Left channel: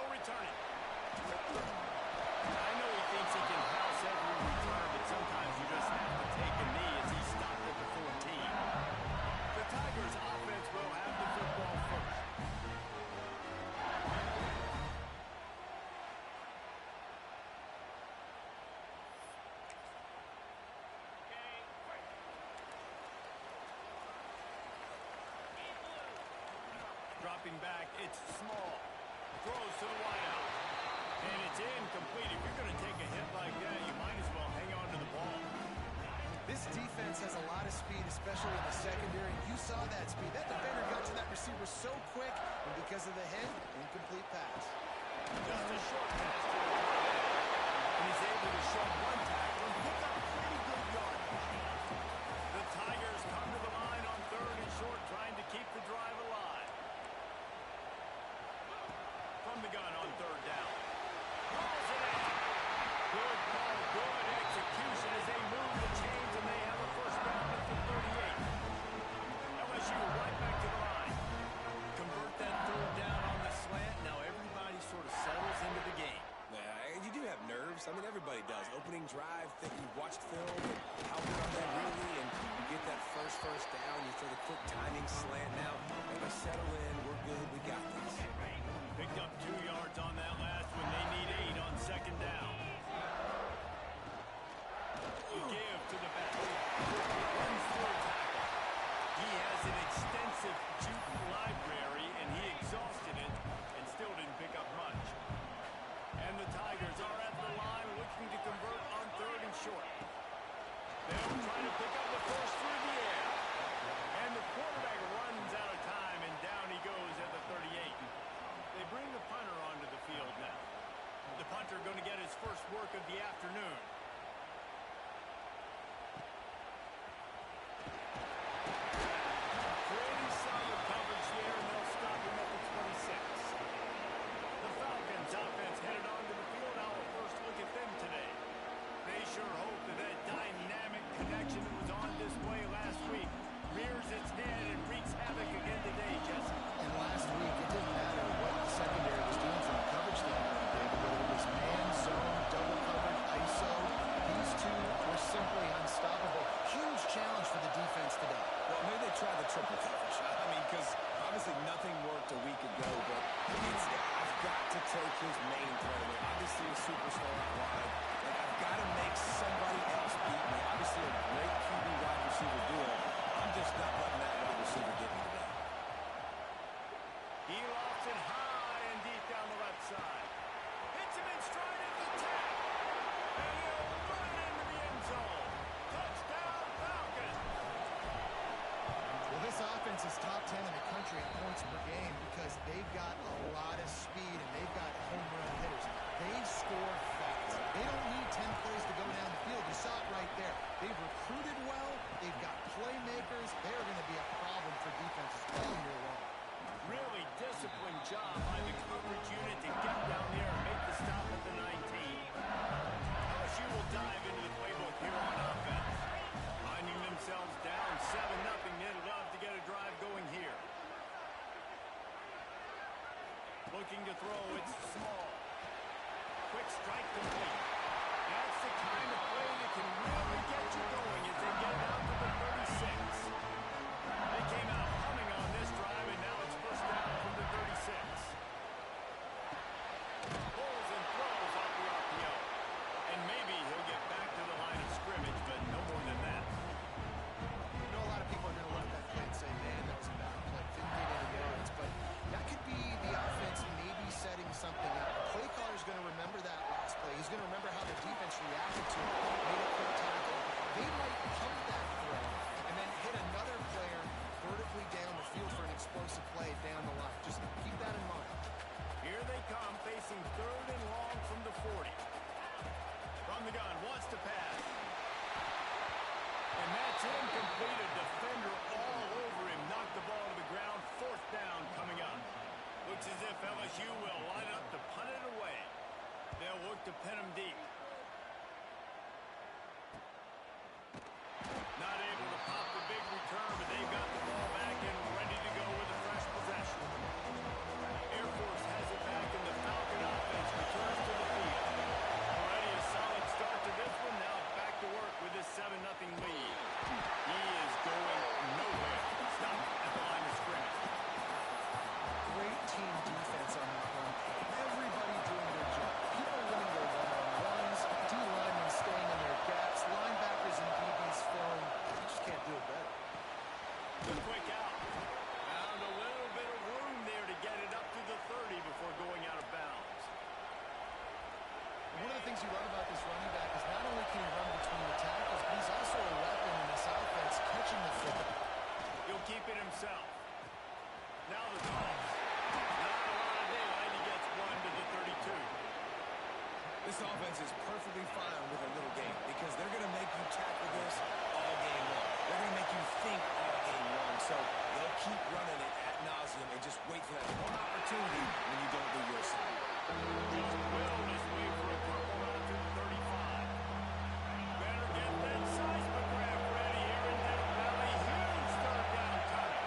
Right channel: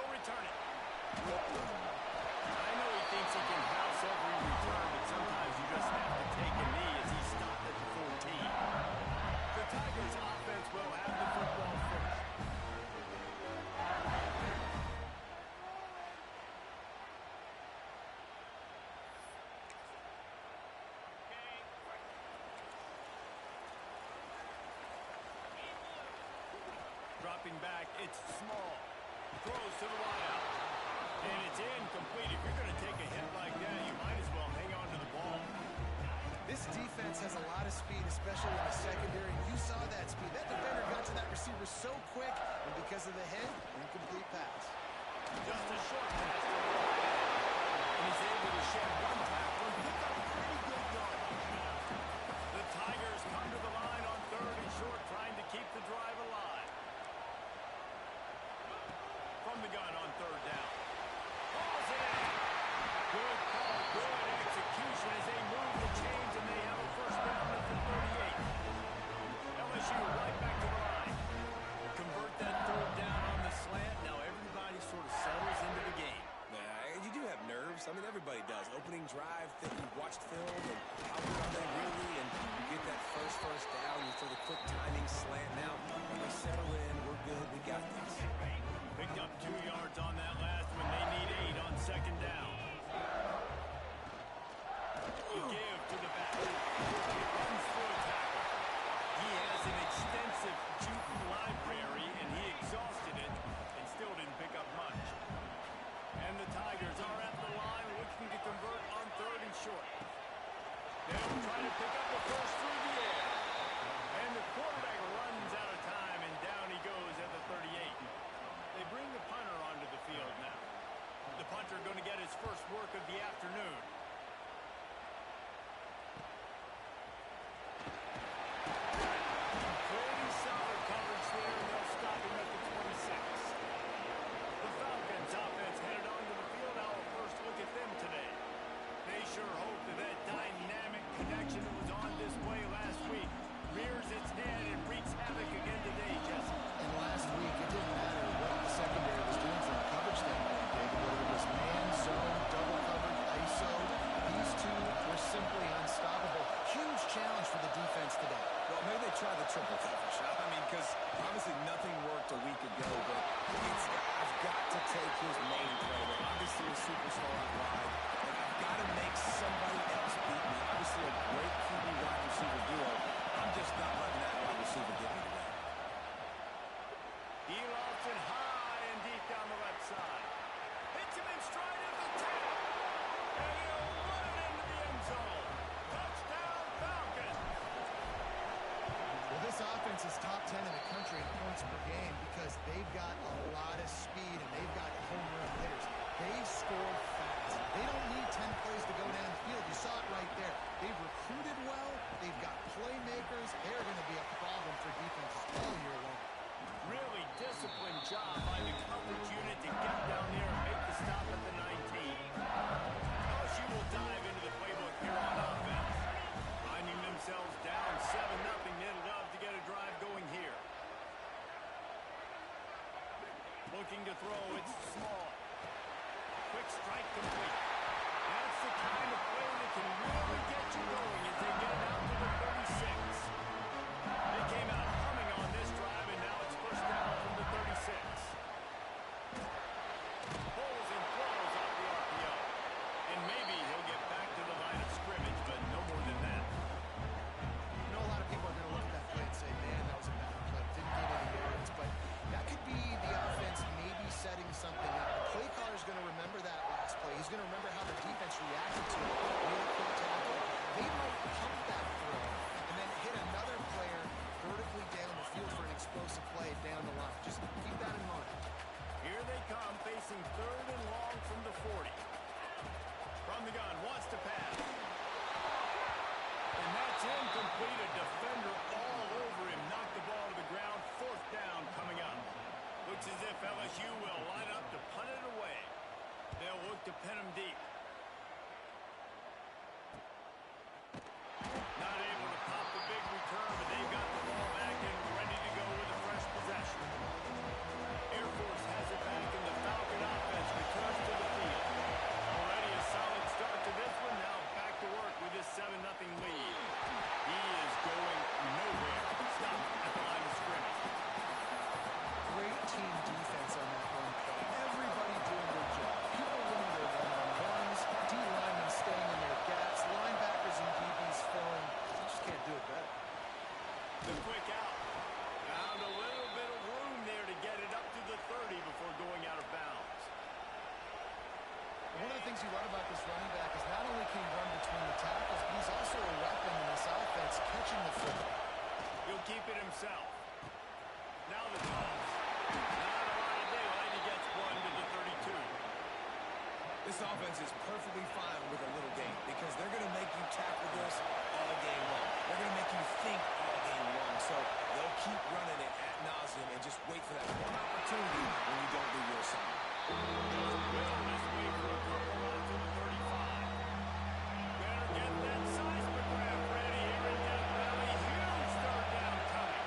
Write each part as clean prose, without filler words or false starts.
He'll return it. I know he thinks he can house every return, but sometimes you just have to take a knee as he stopped at the 14. The Tigers offense will have the football first. Dropping back, it's Small. Throws to the wideout. And it's incomplete. If you're going to take a hit like that, you might as well hang on to the ball. This defense has a lot of speed, especially in the secondary. You saw that speed. That defender got to that receiver so quick, and because of the hit, incomplete pass. Just a short pass to the tight end. And he's able to shed one tackle and pick up pretty good yardage. The Tigers come to the line on 3rd and short, trying to keep the drive alive. From the gun on 3rd down. Calls it in. Good call, good execution as they move the chains, and they have a first down at the 38. LSU right back to the line. Convert that 3rd down on the slant. Now everybody sort of settles into the game. Yeah, you do have nerves. I mean, everybody does. Opening drive, think you watched film, and how good are they really? And you get that first down, you throw the quick timing slant. Now, they settle in, we're good, we got this. Picked up 2 yards on that last one. They need 8 on 2nd down. You give to the back. Runs through a tackle. He has an extensive juke library, and he exhausted it and still didn't pick up much. And the Tigers are at the line looking to convert on 3rd and short. They'll try to pick up the first through the air. And the quarterback runs out of time, and down he goes at the 38. They bring the punter onto the field now. The punter going to get his first work of the afternoon. Pretty solid coverage there, and they'll stop him at the 26. The Falcons offense headed onto the field. Our first look at them today. They sure hope that that dynamic connection that was on display last week rears its head and wreaks havoc again today, Jesse. And last week, it didn't matter what the secondary was doing from a coverage standpoint, David, whether it was man, zone, double coverage, ISO. These two were simply unstoppable. Huge challenge for the defense today. Well, maybe they try the triple coverage. I mean, because obviously nothing worked a week ago, but I've got to take his main threat away. Obviously a superstar out wide. Like, I've got to make somebody else beat me. Obviously a great QB wide receiver duo. I'm just not letting that wide receiver get me today. He lofts it high and deep down the left side. Hits him in stride at the 10. And he'll run it into the end zone. Touchdown, Falcons. Well, this offense is top 10 in the country in points per game because they've got a lot of speed and they've got home run hitters. They score fast. They don't need 10 plays to go down the field. You saw it right there. They've recruited well. They've got playmakers. They're going to be a problem for defenses all year long. Really disciplined job by the coverage unit to get down there and make the stop at the 19. LSU will dive into the playbook here on offense. Finding themselves down 7-0, they'd love to get a drive going here. Looking to throw, it's Small. Quick strike complete. That's the kind of play that can really get you going as they get it out to the 36. They came out humming on this drive, and now it's first down from the 36. Pulls and throws off the RPO. And maybe he'll get back to the line of scrimmage, but no more than that. You know, a lot of people are going to look at that play and say, man, that was a bad play. Didn't get any yards. But that could be the offense maybe setting something up. The play caller is going to remember that last play. He's going to remember how the defense reacted to it, made a quick tackle. They might pump that throw and then hit another player vertically down the field for an explosive play down the line. Just keep that in mind. Here they come, facing 3rd and long from the 40. From the gun, wants to pass. And that's incomplete. A defender all over him. Knocked the ball to the ground. 4th down coming up. Looks as if LSU will line up to punt it away. They'll look to pin him deep. Not able to pop the big return, but they've got the ball back and ready to go with a fresh possession. Air Force has it back in the Falcon offense returns to the field. Already a solid start to this one. Now back to work with this 7-0 lead. He is going nowhere. Stop at the line of scrimmage. Great team defense on that run play. Everybody doing their job. People winning their one-on-ones, D-linemen staying in their gaps, linebackers and DBs filling. You just can't do it better. The quick out. Found a little bit of room there to get it up to the 30 before going out of bounds. One of the things you love about this running back is not only can he run between the tackles, but he's also a weapon in this offense, catching the football. He'll keep it himself. Now the toss. Not a lot of daylight. He gets one to the 32. This offense is perfectly fine with a little game because they're going to make you tackle this all game long. They're going to make you think all game long. So they'll keep running it ad nauseum and just wait for that one opportunity when you don't do your assignment. Just will this way for a couple out to the 35. Better get that seismograph ready here in Death Valley. Huge third down coming.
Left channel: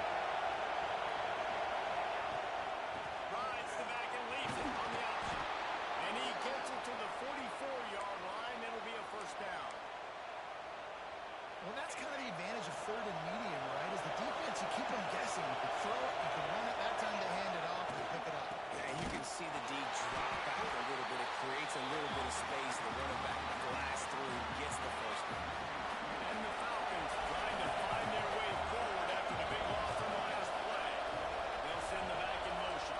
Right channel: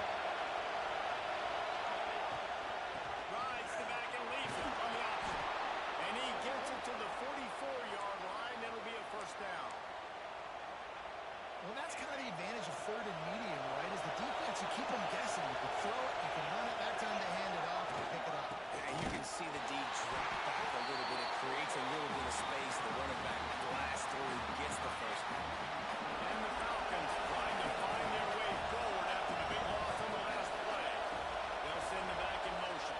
Rides the back and leaves it on the option. And he gets it to the 44-yard line. That'll be a first down. Well, that's kind of the advantage of third and medium, right? Is the defense, you keep them guessing. You can throw it, you can run it. That time they hand it off, they pick it up. And you can see the D drop back a little bit. It creates a little bit of space. The running back blasts through, gets the first down. And the Falcons trying to find their way forward after the big loss on the last play. They'll send the back in motion.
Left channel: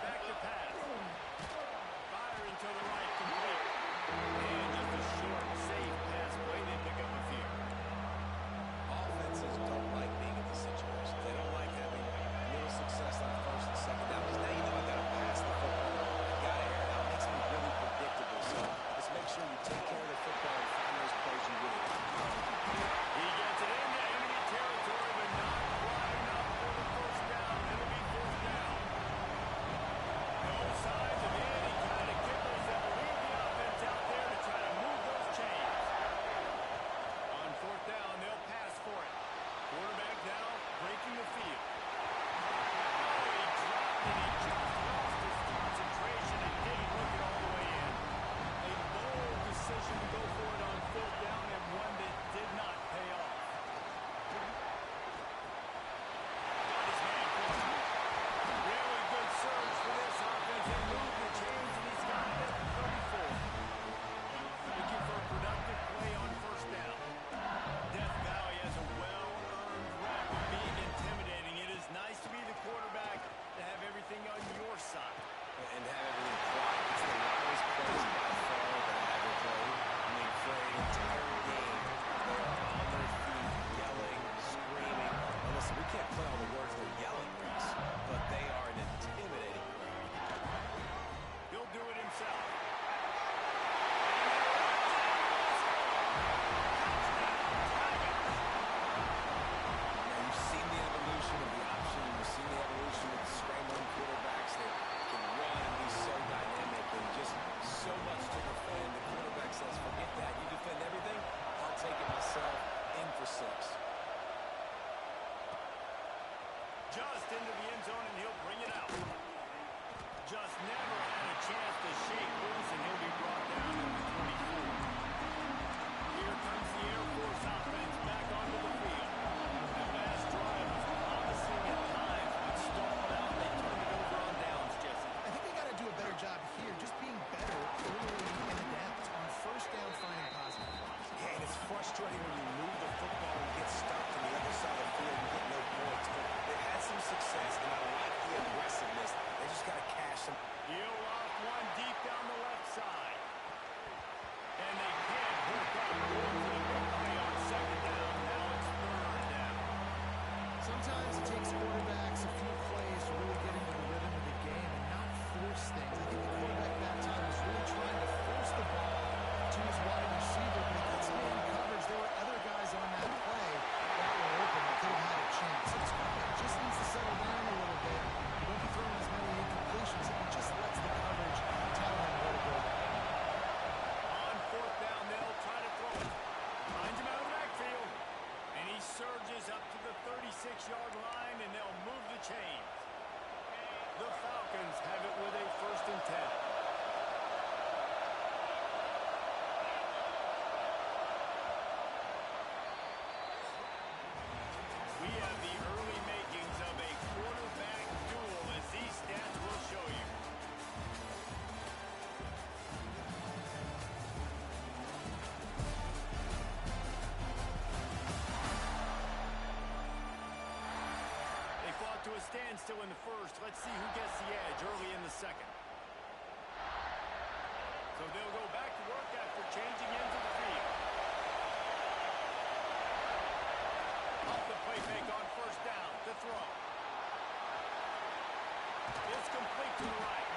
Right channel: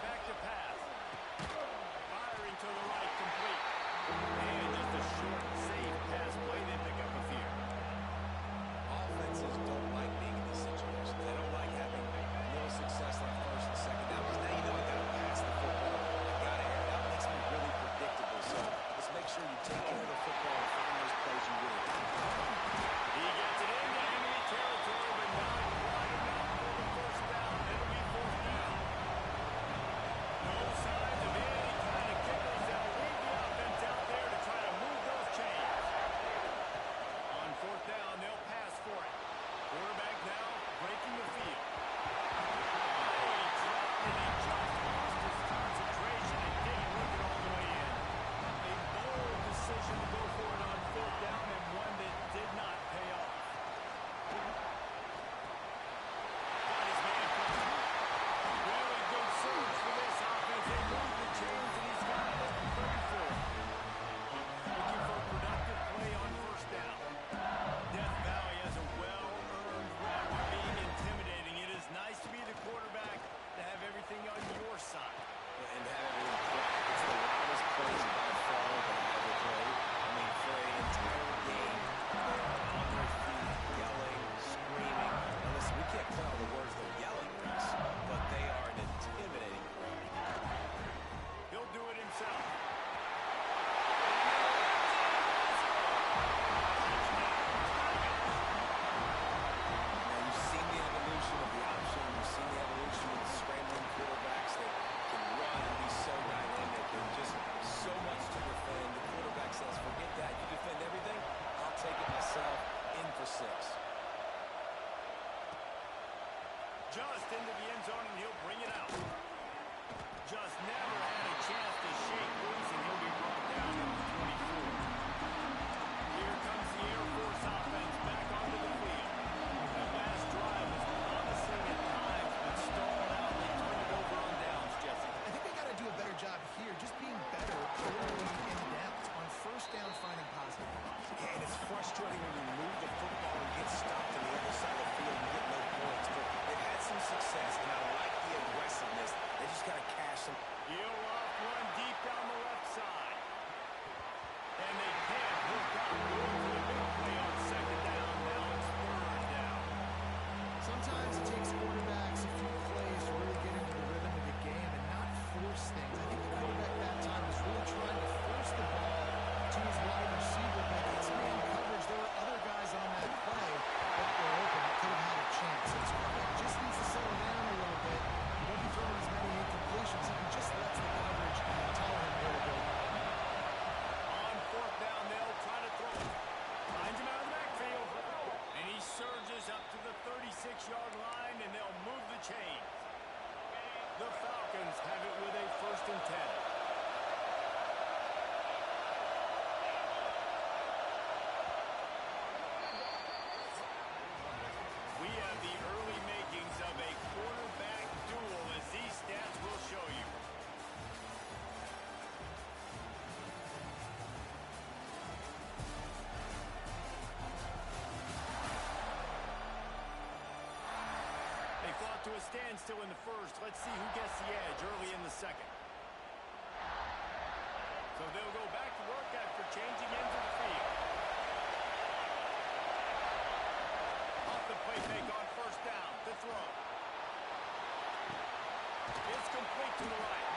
Back to pass. Firing to the right, complete. And just a short, safe pass play. They pick up a few. Offenses don't like being in these situations. They don't like having little success on first and second down because now you know I got to pass the football. I got to air it out. It makes me really predictable. So let's make sure you take care of the football and find those plays you really like. He gets it into enemy territory, but not quite enough for the first down. It'll be fourth down. No signs of any kind of kickers that will lead the offense out there to try to move those chains. On fourth down, they'll pass for it. Quarterback now breaking the field. Oh, he dropped it. He just lost his concentration and didn't look it all the way in. A bold decision to go for it on fourth down and one that did not pay off. Got his man quick. Really good surge for this offense. They move the chains and he's got it at the 34. Looking for a productive play on first down. Death Valley has a well-earned rep of being intimidating. It is nice to be the quarterback, to have everything on your side. And have everything quiet. It's the loudest place by far that I ever played. I mean, for an entire game, they are on their feet, yelling, screaming. Now listen, we can't play all the words they're yelling, Reese, but they are an intimidating crowd. He'll do it himself. Now, you've seen the evolution of the option. You've seen the evolution of the scrambling quarterbacks that can run and be so dynamic and just so much to defend. The quarterback says, forget that. You defend everything, I'll take it myself. In for 6. Just into the end zone, and he'll bring it out. Just never had a chance to shake loose, and he'll be brought down at the 24. Here comes the Air Force offense back onto the field. That last drive was promising at times, but stalled out. They turned it over on downs, Jesse. I think they got to do a better job here, just being better early in the downs. On first down, finding positive points. Yeah, and it's frustrating when you move the football and get stopped on the other side of the field and get no points. But they've had some success, and I like the aggressiveness. They just got to cash some. He'll off one deep down the left side. And they can't hook up. Going for the big play on second down. Now it's third down. Sometimes it takes quarterbacks a few plays to really get into the rhythm of the game and not force things. I think the quarterback that time was really trying to force the ball to his wide receiver, but against man coverage, there were other guys on that play that were open that could have had a chance. So this quarterback just needs to settle down a little bit. He won't be throwing as many incompletions if he just lets the coverage tell him where to go. On fourth down, they'll try to throw it. Finds him out of the backfield. And he surges up to the 36-yard line, and they'll move the chains. The Falcons have it with a 1st and to a standstill in the first. Let's see who gets the edge early in the second. So they'll go back to work after changing ends of the field. Off the play fake on first down. The throw. It's complete to the right.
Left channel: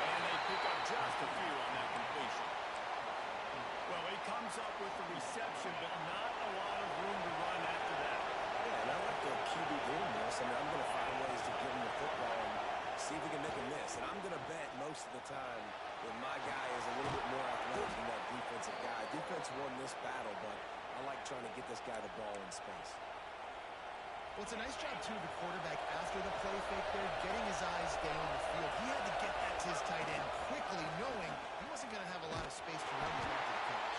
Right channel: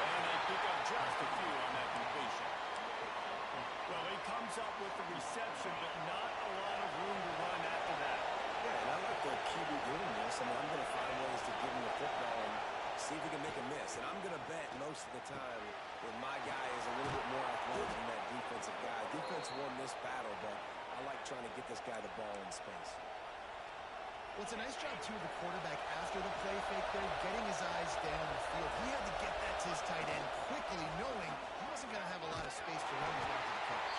And they pick up just a few on that completion. Well, he comes up with the reception, but not a lot of room to run after that. Yeah, and I like the QB doing this. I mean, I'm going to find ways to give him the football and see if he can make a miss. And I'm going to bet most of the time that my guy is a little bit more athletic than that defensive guy. Defense won this battle, but I like trying to get this guy the ball in space. Well, it's a nice job, too, of the quarterback after the play fake there, getting his eyes down the field. He had to get that to his tight end quickly, knowing he wasn't going to have a lot of space to run with after the catch.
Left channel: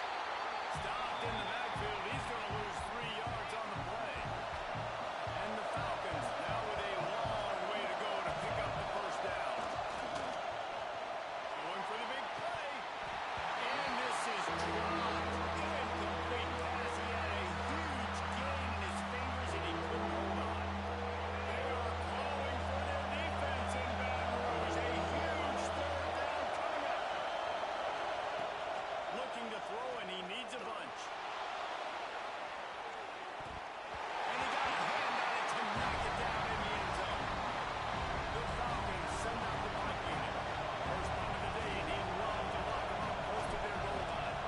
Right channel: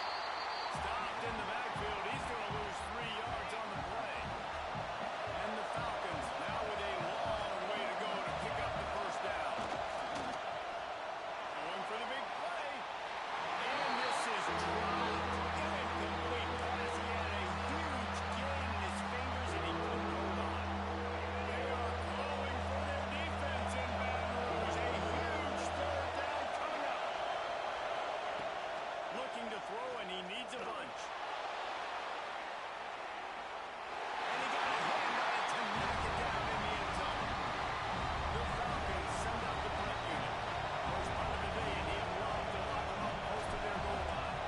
Stopped in the backfield. He's going to lose 3 yards on the play. And the Falcons now with a long way to go to pick up the first down. Going for the big play. And this is dropped. Incomplete pass. He had a huge gain in his fingers, and he couldn't hold on. They are calling for their defense in Baton Rouge. A huge third down coming up. Looking to throw, and he needs a bunch. And he got a hand on it to knock it down in the end zone. The Falcons send out the punt unit. First punt of the day, and he and Long to lock them up close to their goal line.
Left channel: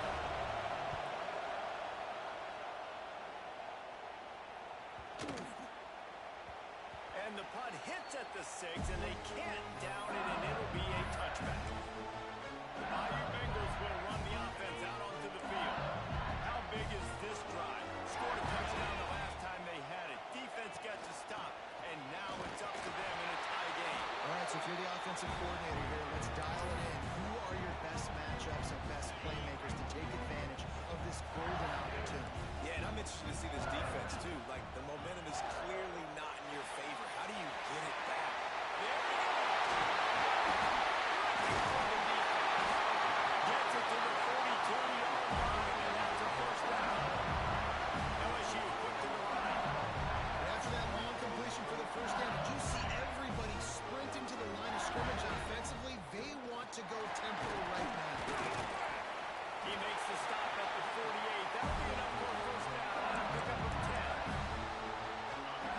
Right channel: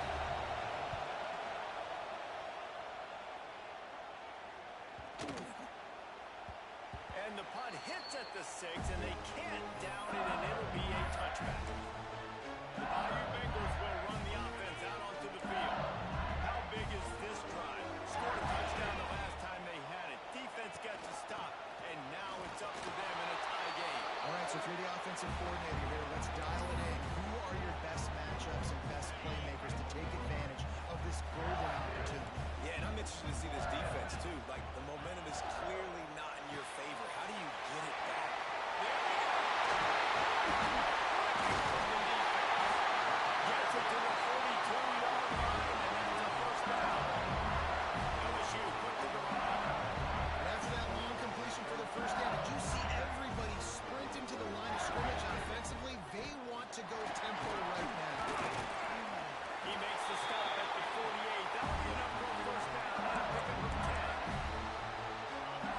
And the punt hits at the 6, and they can't down it, and it'll be a touchback. The Bayou Bengals will run the offense out onto the field. How big is this drive? Scored a touchdown the last time they had it. Defense gets a stop, and now it's up to them in a tie game. All right, so if you're the offensive coordinator here, let's dial it in. Who are your best matchups and best playmakers to take advantage of this golden opportunity? Yeah, and I'm interested to see this defense, too. Like, the momentum is clearly not in your favor. How do you get it back? There we go. Terrific from the defense. Gets it to the 42-yard line, and that's a first down. LSU quick to the line. And after that long completion for the first down, did you see everybody sprinting to the line of scrimmage offensively? They want to go tempo right now. He makes the stop at the 48. That'll be enough for a first down and a pickup of 10.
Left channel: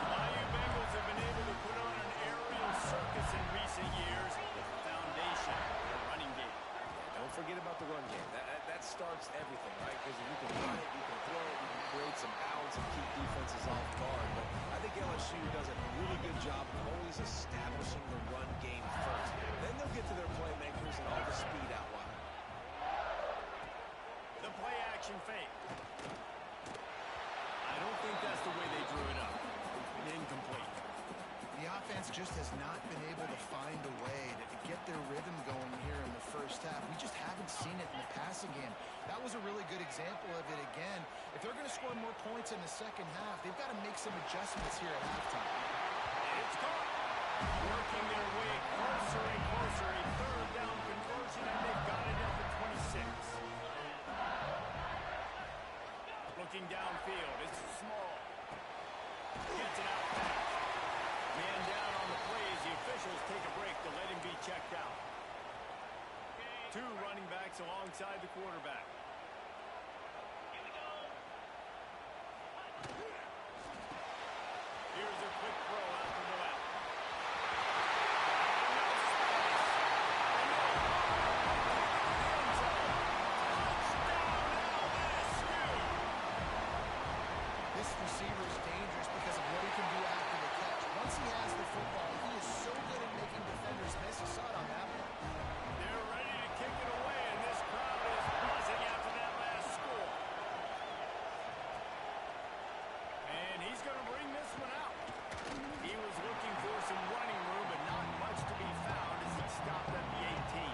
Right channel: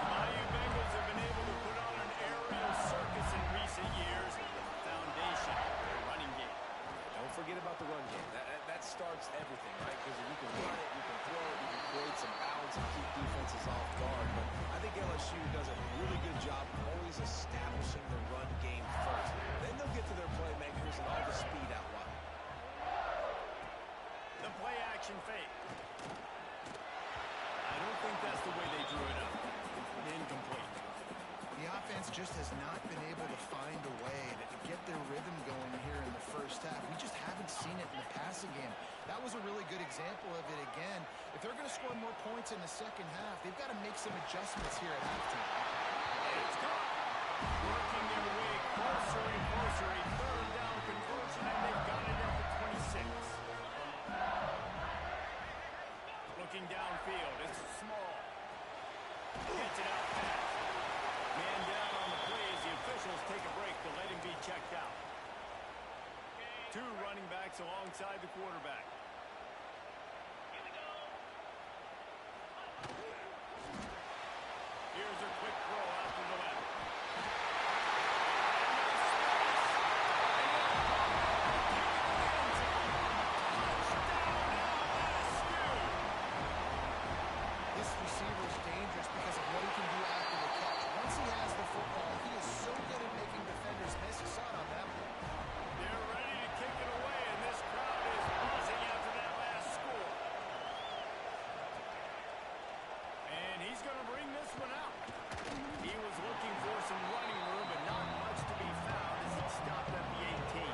The Bayou Bengals have been able to put on an aerial circus in recent years. The foundation, their running game. Yeah, don't forget about the run game. That starts everything, right? Because if you can run it, you can throw it, you can create some balance and keep defenses off guard. But I think LSU does a really good job of always establishing the run game first. Then they'll get to their playmakers and all the speed out wide. The play-action fake. I don't think that's the way they drew it up. Incomplete. The offense just has not been able to find a way to get their rhythm going here in the first half. We just haven't seen it in the passing game. That was a really good example of it again. If they're going to score more points in the second half, they've got to make some adjustments here at halftime. It's caught. Working their way closer and closer. A third down conversion, and they've got it at the 26. Looking downfield, it's small. Gets it out fast. Man down on the play as the officials take a break to let him be checked out. 2 running backs alongside the quarterback. Here's a quick throw out to the left. Got enough space. And he'll pop it up and kick it to the end zone. Touchdown LSU. This receiver is dangerous because of what he can do after the catch. Once he has the football, he is so good at making defenders miss. You saw it on that one. They're ready to kick it away, and this crowd is buzzing after that last score. And he's going to bring this one out. He was looking for some running room, but not much to be found as he stopped at the 18.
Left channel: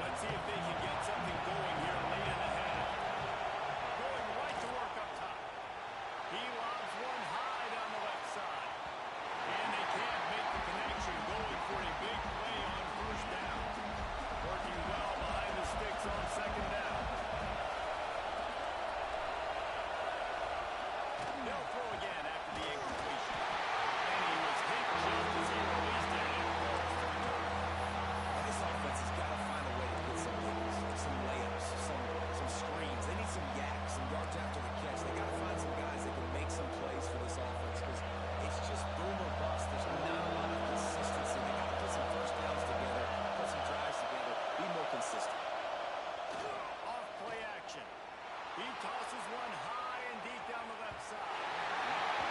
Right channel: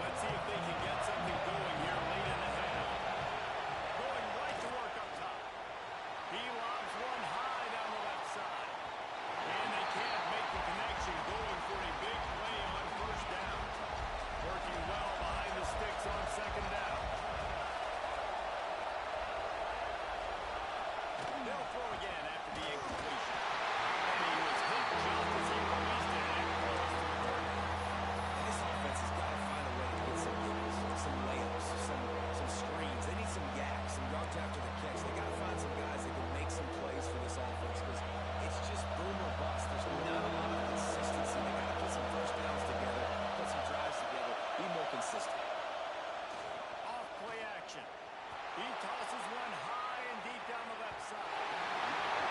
Let's see if they can get something going here late in the half. Going right to work up top. He lobs one high down the left side. And they can't make the connection, going for a big play on first down. Working well behind the sticks on second down. They'll throw again after the incompletion. And he was hit consistent. Off play action. He tosses one high and deep down the left side.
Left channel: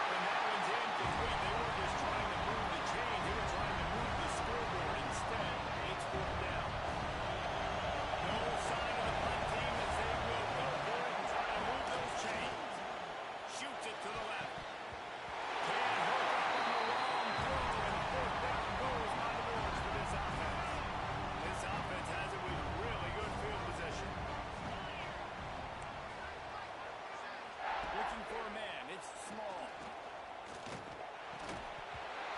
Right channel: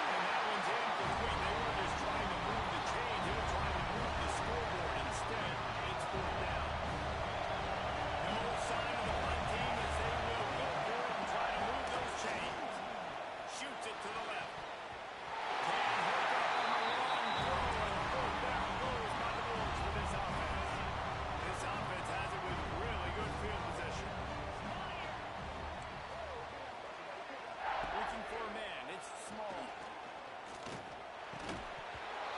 And that one's incomplete. They were just trying to move the chain. They were trying to move the scoreboard. Instead, it's fourth down. No sign of the punt team as they will go for it and try to move those chains. Shoots it to the left. Can hook up on the long throw, and fourth down goes by the boards for this offense. This offense has it with really good field position. Looking for a man. It's Small.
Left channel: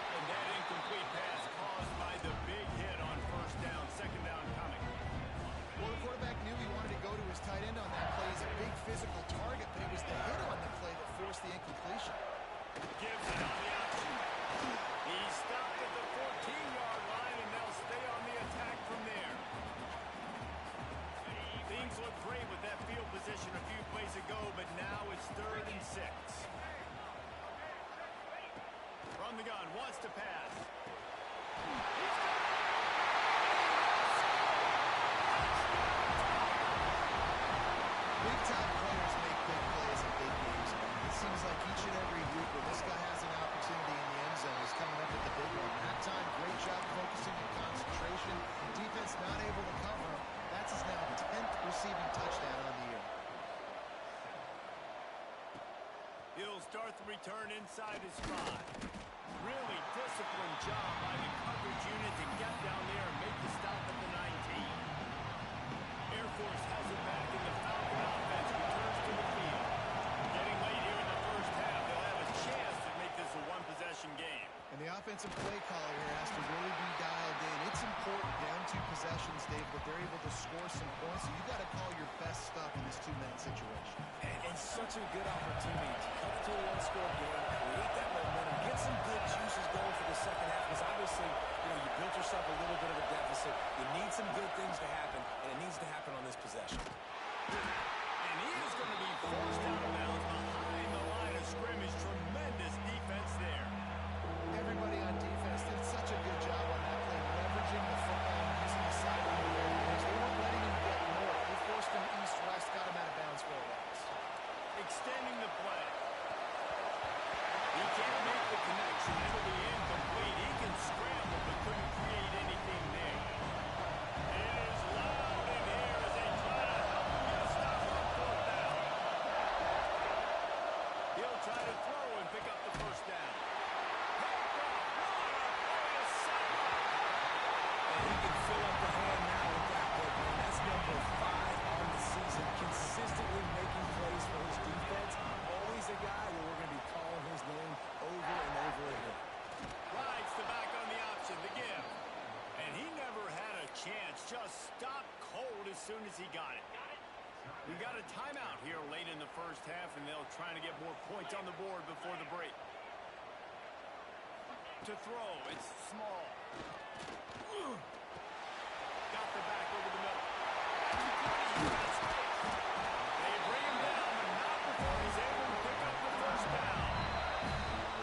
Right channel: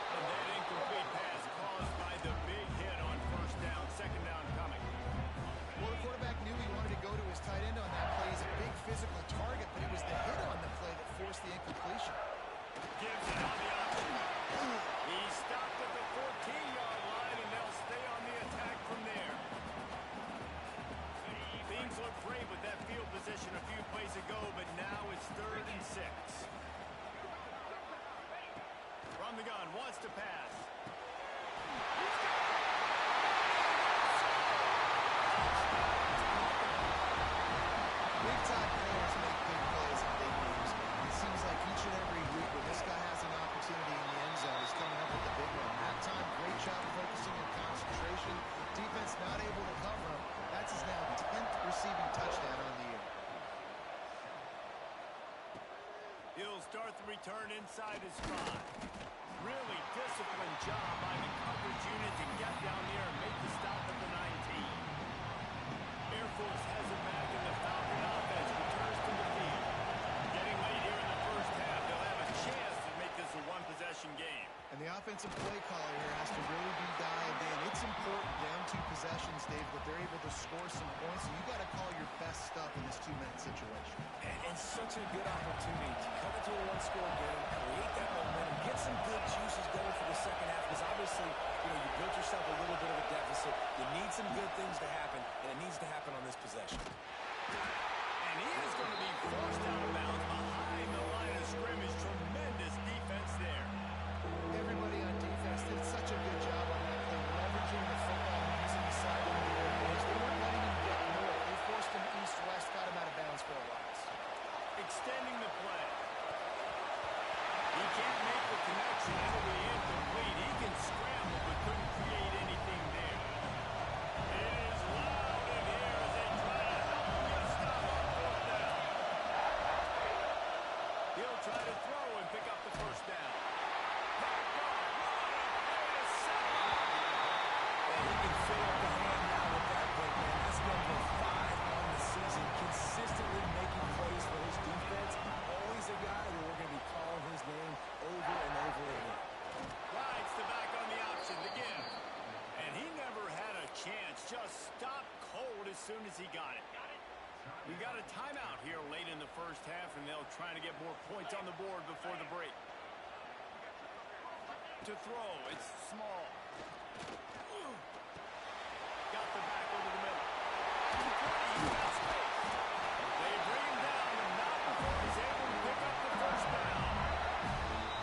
And that incomplete pass caused by the big hit on first down. Second down coming. Well, the quarterback knew he wanted to go to his tight end on that play. He's a big physical target, but it was the hit on the play that forced the incompletion. Gives it on the option. He stopped at the 14-yard line, and they'll stay on the attack from there. Things look great with that field position a few plays ago, but now it's 3rd and 6. From the gun, wants to pass. He's got it. Big-time players make big plays in big games. It seems like each and every week when this guy has an opportunity in the end zone, he's coming up with the big one. That time, great job focusing and concentration. Defense not able to cover him. That's his now 10th receiving touchdown on the year. He'll start the return inside his 5. Really disciplined job by the coverage unit to get down there and make the stop at the 19. Air Force has it back, and the Falcon offense returns to the field. Getting late here in the first half, they'll have a chance to make this a one-possession game. And the offensive play caller here has to really be dialed in. It's important down 2 possessions, Dave, that they're able to score some points. So you got to call your best stuff in this 2-minute situation. And such a good opportunity to come into a one-score game, create that momentum, get some good juices going for the second half. Because obviously, you built yourself a little bit of a deficit. You need some good things to happen, and it needs to happen on this possession. And he is going to be forced out of bounds behind the line of scrimmage. Tremendous defense there. Everybody on defense did such a good job on that play, leveraging the football and using the sideline to their advantage. They weren't letting him get north. They forced him east-west, got him out of bounds for a loss. Extending the play. He can't make the connection. It'll be incomplete. He can scramble, but couldn't create anything there. It is loud in here as they try to help him get a stop on fourth down. He'll try to throw and pick up the first down. Picked off. What a play to set up. And he can fill up the hand now with that pick, man. That's number 5 on the season. Consistently making plays for his defense. Always a guy where we're going to be calling his name over and over again. Rides the back on the option to give. And he never had a chance. Just stopped cold as soon as he got it. We got a timeout here late in the first half, and they'll try to get more points on the board before the break. To throw, it's Small. Got the back over the middle. At the 20, he's got space. They bring him down, but not before he's able to pick up the first down.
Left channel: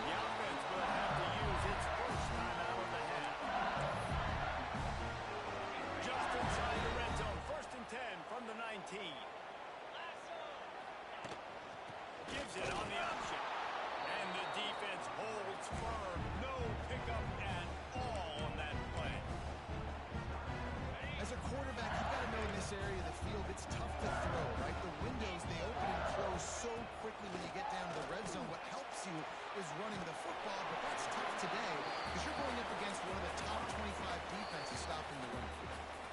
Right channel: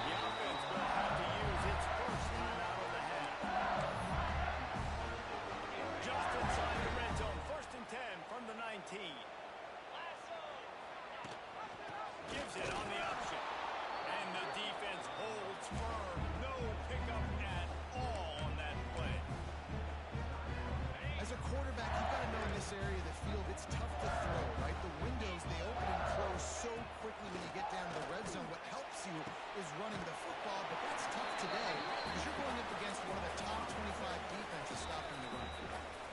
The offense will have to use its first timeout of the half. Just inside the red zone, 1st and 10 from the 19. Gives it on the option. And the defense holds firm. No pickup at all on that play. As a quarterback, you've got to know in this area of the field, it's tough to throw, right? The windows, they open and close so quickly when you get down to the red zone. What helps you is running the football, but that's tough today because you're going up against one of the top 25 defenses stopping the run.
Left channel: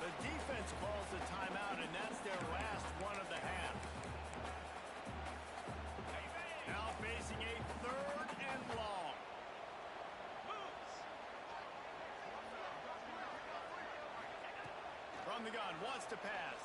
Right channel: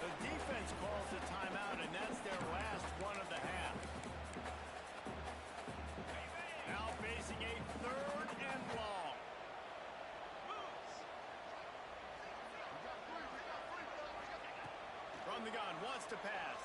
The defense calls the timeout, and that's their last one of the half. Now facing a 3rd and long. From the gun, wants to pass.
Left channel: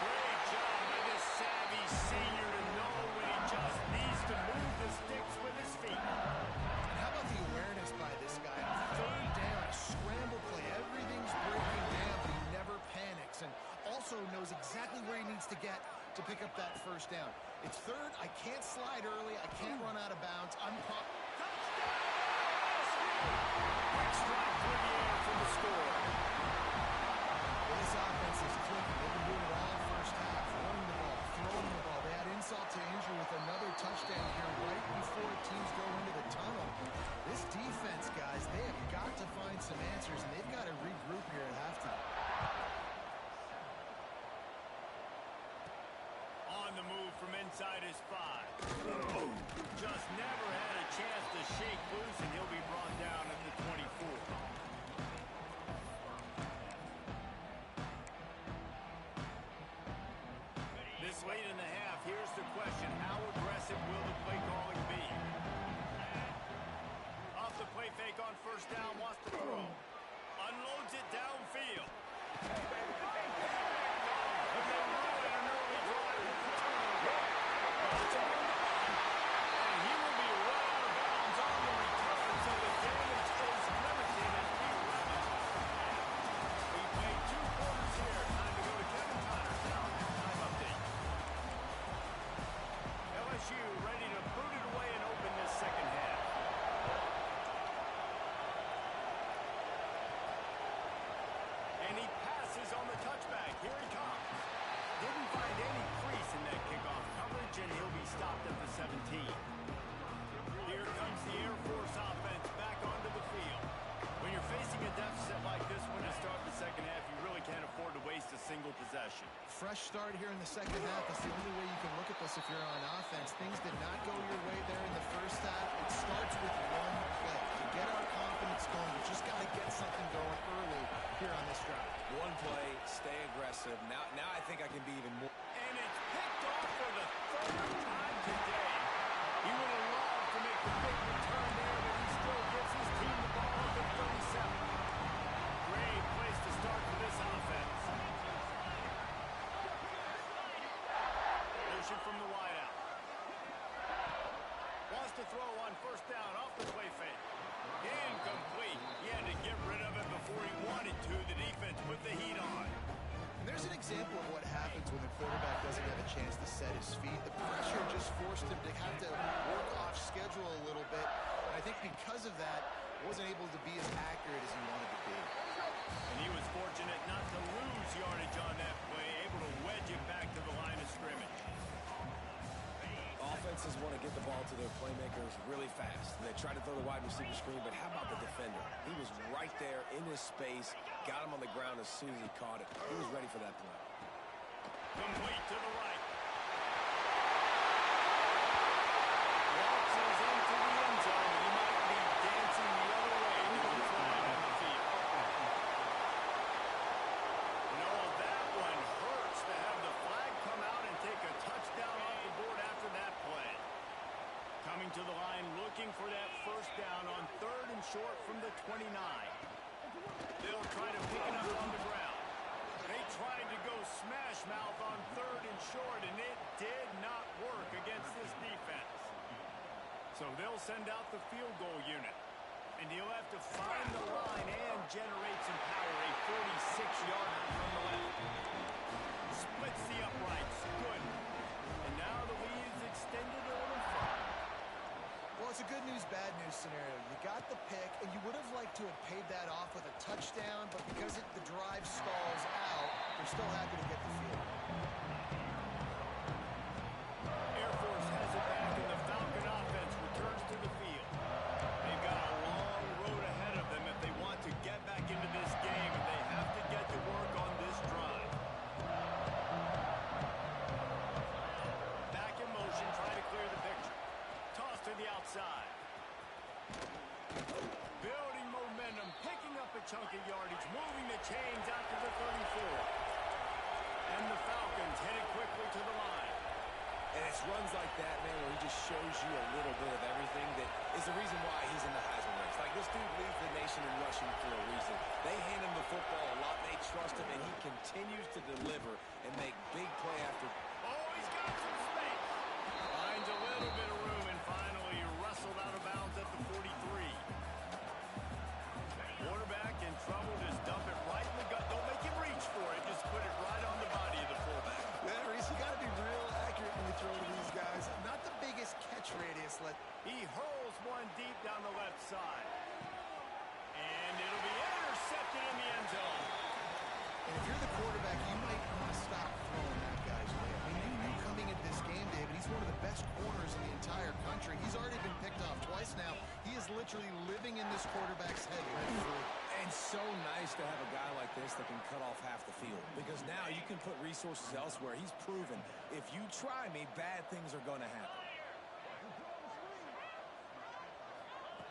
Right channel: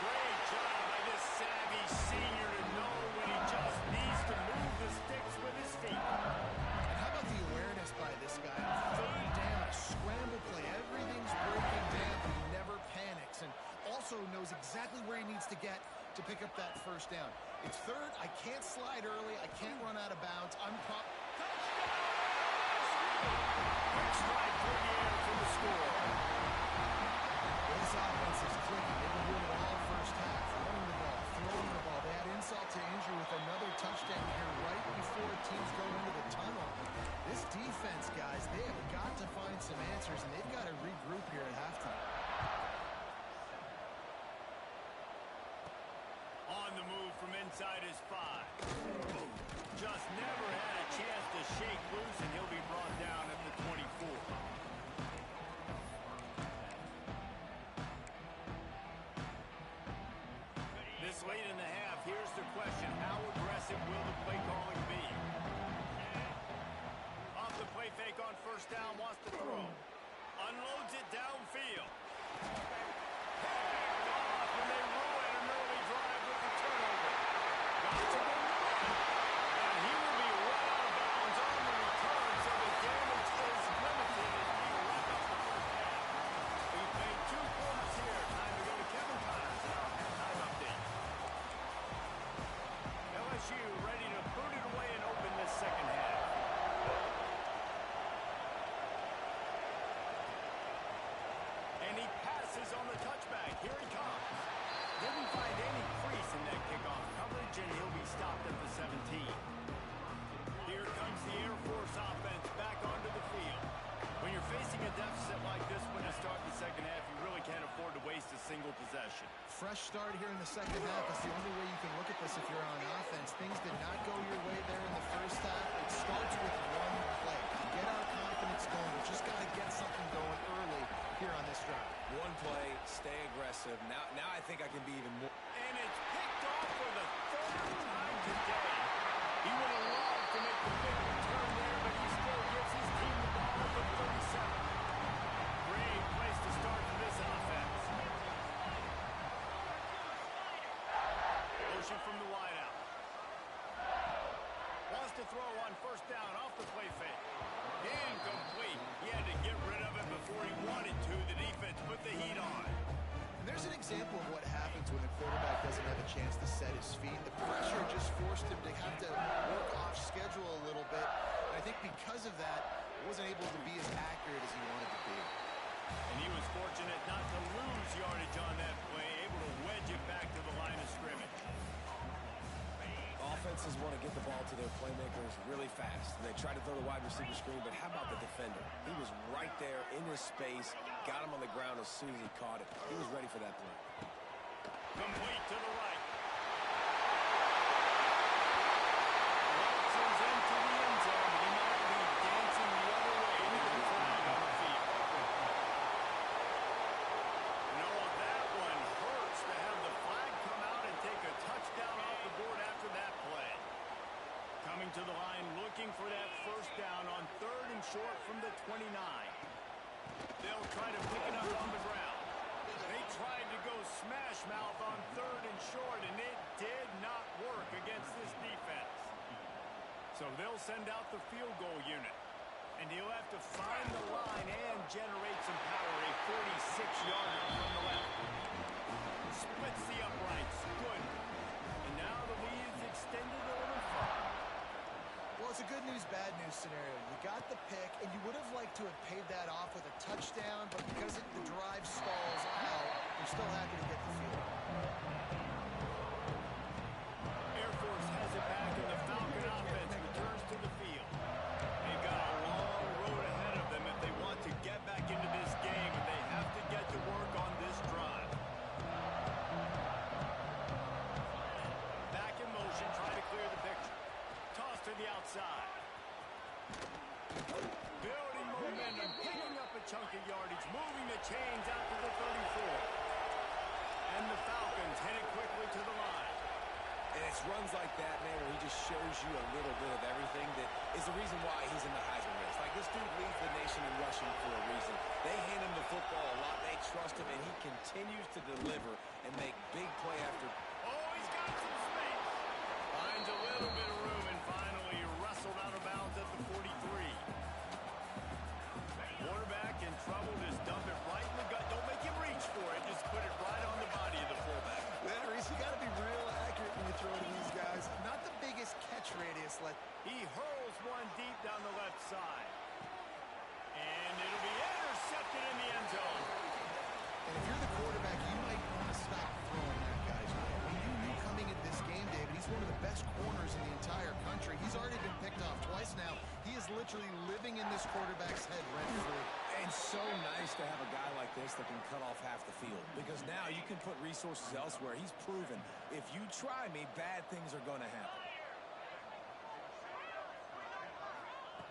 Great job by this savvy senior to know when he just needs to move the sticks with his feet. And how about the awareness by this guy? On 3rd down, a scramble play. Everything's breaking down, but he never panics. And also knows exactly where he needs to get to pick up that first down. It's 3rd. I can't slide early. I can't run out of bounds. Touchdown, LSU! Quick strike through the air for the score. is they have got to find some answers, and they've got to regroup here at halftime. On the move from inside his 5. Just never had a chance to shake loose, and he'll be brought down at the 24. This late in the half, here's the question: how aggressive will the play calling be? Off the play fake on first down, wants to throw. Unloads it downfield. Picked off, and they ruin an early drive with the turnover. Got to run the run. And he will be right out of bounds on the return, so the damage is limited as we wrap up the first half. We played 2 quarters here. Time to go to Kevin Connors in our halftime update. LSU ready to boot it away and open this second half. And he passes on the touchback. Here he comes. Didn't find any crease in that kickoff coverage, and he'll be stopped at the 17. Here comes the Air Force offense back onto the field. When you're facing a deficit like this one to start the second half, you really can't afford to waste a single possession. Fresh start here in the second half. That's the only way you can look at this if you're on offense. Things did not go your way there in the first half. It starts with one play. To get our confidence going, we just got to get something going early here on this drive. One play, stay aggressive. Now I think I can be even more. And it's picked off for the 3rd time today. He would have loved to make the big return there, but he still gives his team the ball at the 37. Great place to start for this offense. Motion from the wideout. Wants to throw on first down off the play fake. Incomplete. He had to get rid of it before he wanted to. The defense put the heat on. And there's an example of what happens when the quarterback doesn't have a chance to set his feet. The pressure just forced him to have to work off schedule a little bit. And I think because of that, wasn't able to be as accurate as he wanted to be. And he was fortunate not to lose yardage on that play, able to wedge it back to the line of scrimmage. Offenses want to get the ball to their playmakers really fast. And they try to throw the wide receiver screen, but how about the defender? He was right there in his space, got him on the ground as soon as he caught it. He was ready for that play. Complete to the right. Waltzes into the end zone, but he might be dancing the other way. There's a flag on the field. No, that one hurts to have the flag come out and take a touchdown off the board after that play. Coming to the line, looking for that first down on 3rd and short from the 29. They'll try to pick it up on the ground. They tried to go smash mouth on 3rd and short, and it did not work against this defense. So they'll send out the field goal unit. And he'll have to find the line and generate some power. A 46-yarder from the left. Splits the uprights. Good. And now the lead's extended a little further. Well, it's a good news, bad news scenario. You got the pick, and you would have liked to have paid that off with a touchdown, but because the drive stalls out, they're still happy to get the field. Air Force has it back, and the Falcon offense returns to the field. They've got a long road ahead of them if they want to get back into this game, and they have to get to work on this drive. Back in motion, try to clear the picture. Toss to the outside. Building momentum, picking up a chunk of yardage, moving the chains out to the 34. And the Falcons headed quickly to the line. And it's runs like that, man, where he just shows you a little bit of everything that is the reason why he's in the Heisman race. Like, this dude leads the nation in rushing for a reason. They hand him the football a lot. They trust him, and he continues to deliver and make big play after. Oh, he's got some space. Finds a little bit of room, and finally wrestled out of bounds at the 43. Quarterback in trouble, just dump it right in the gut. Don't make him reach for it. Just put it right on the body of the fullback. Yeah, Reese, you got to be real accurate when you throw to these guys. Not the biggest catch radius. He hurls one deep down the left side. And it'll be intercepted in the end zone. And if you're the quarterback, you might want to stop throwing that guy's way. I mean, you knew coming beginning of this game, David, he's one of the best corners in the entire country. He's already been picked off twice now. He is literally living in this quarterback's head rent-free. And so nice to have a guy like this that can cut off half the field, because now you can put resources elsewhere. He's proven, if you try me, bad things are going to happen.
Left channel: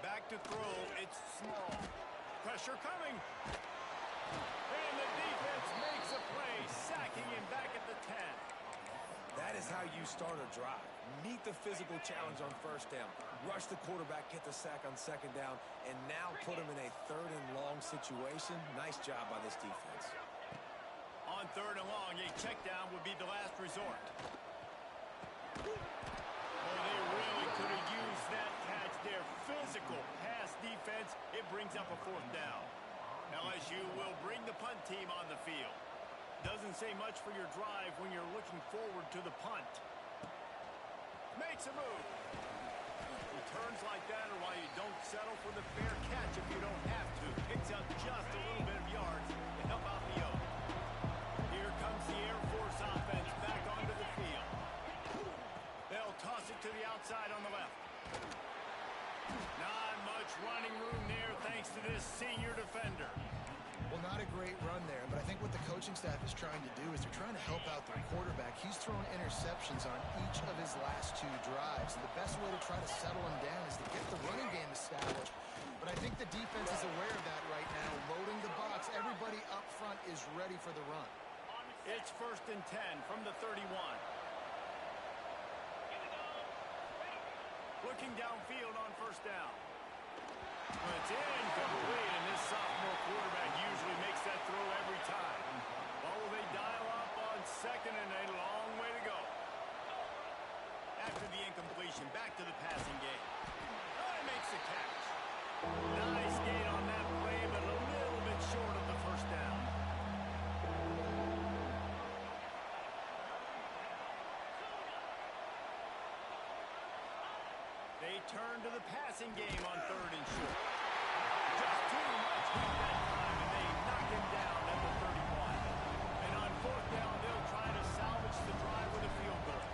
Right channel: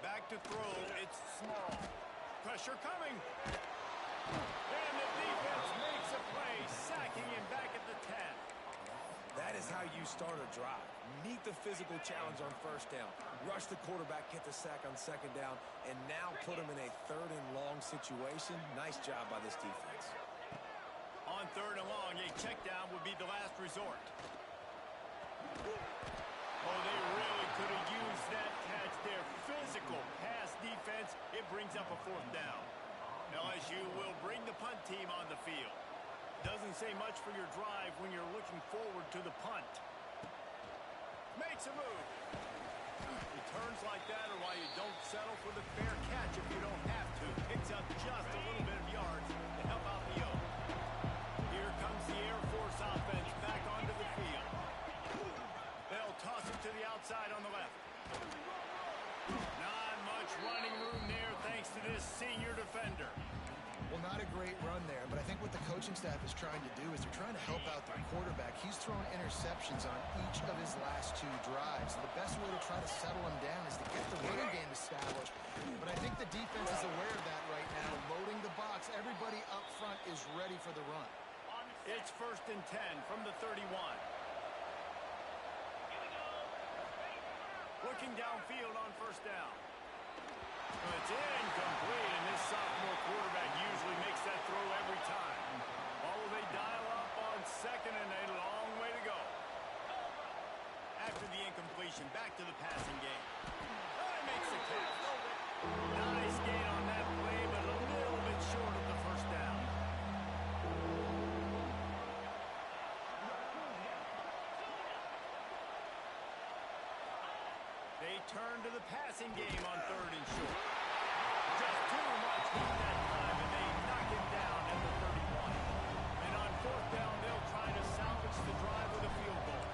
Back to throw, it's Small. Pressure coming. And the defense makes a play, sacking him back at the 10. That is how you start a drive. Meet the physical challenge on first down. Rush the quarterback, get the sack on second down, and now put him in a third and long situation. Nice job by this defense. On third and long, a check down would be the last resort. Oh, they really could have used that catch there. Physical pass defense. It brings up a fourth down. LSU will bring the punt team on the field. Doesn't say much for your drive when you're looking forward to the punt. Makes a move. He turns like that, or why you don't settle for the fair catch if you don't have to. Picks up just a little bit of yards to help out the O. Here comes the Air Force offense back onto the field. They'll toss it to the outside on the left. Not much running room there thanks to this senior defender. Well, not a great run there, but I think what the coaching staff is trying to do is they're trying to help out their quarterback. He's thrown interceptions on each of his last two drives, and the best way to try to settle him down is to get the running game established. But I think the defense is aware of that right now, loading the box. Everybody up front is ready for the run. It's 1st and 10 from the 31. Looking downfield on first down. It's incomplete, and this sophomore quarterback usually makes that throw every time. What will they dial up on second and a long way to go? After the incompletion, back to the passing game. Oh, he makes the catch. Nice gain on that play, but a little bit short of the first down. They turn to the passing game on third and short. Just too much heat that time, and they knock him down at the 31. And on fourth down, they'll try to salvage the drive with a field goal.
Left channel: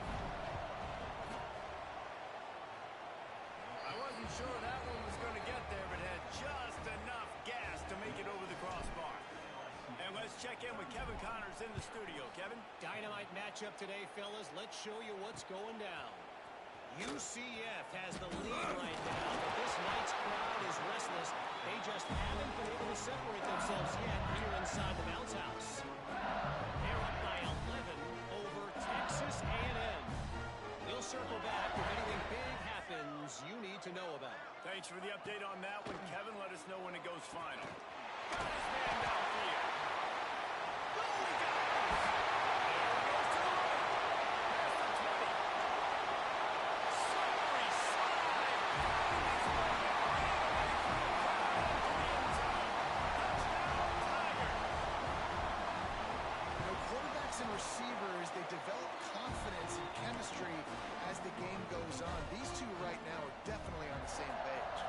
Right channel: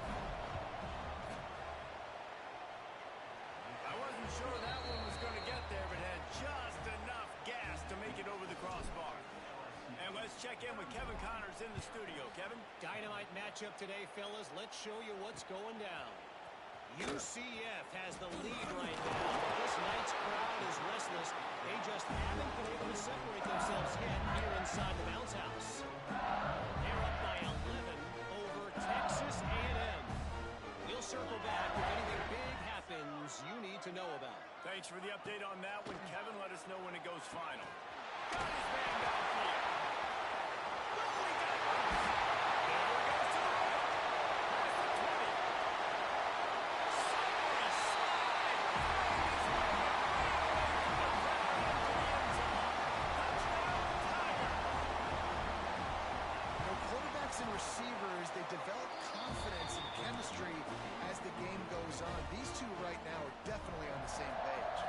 I wasn't sure that one was going to get there, but had just enough gas to make it over the crossbar. And let's check in with Kevin Connors in the studio. Kevin? Dynamite matchup today, fellas. Let's show you what's going down. UCF has the lead right now, but this night's crowd is restless. They just haven't been able to separate themselves yet here inside the bounce house. They're up by 11 over Texas A&M. We'll circle back if anything big happens you need to know about. Thanks for the update on that one, Kevin. Let us know when it goes final. Got his man downfield. Oh, he got loose. There he goes to the right. Past the 20. Slippery slide. Finding his way and right away from the crowd into the end zone. Touchdown, Tigers. You know, quarterbacks and receivers, they develop confidence and chemistry as the game goes on. These two right now are definitely on the same page.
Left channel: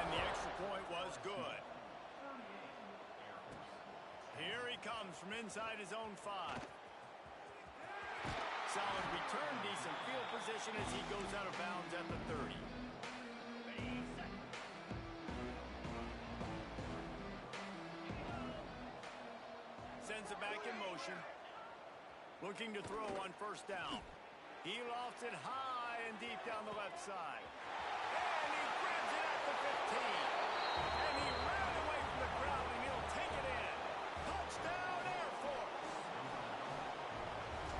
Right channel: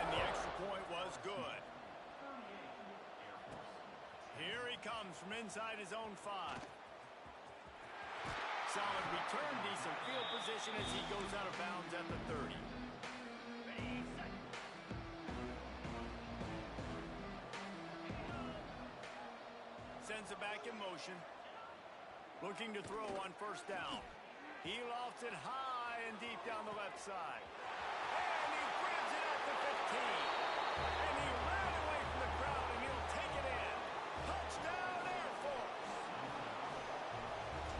And the extra point was good. Here he comes from inside his own 5. Solid return, decent field position as he goes out of bounds at the 30. Sends it back in motion. Looking to throw on first down. He lofts it high and deep down the left side. And he grabs it at the 15. And he ran away from the crowd, and he'll take it in. Touchdown, Air Force.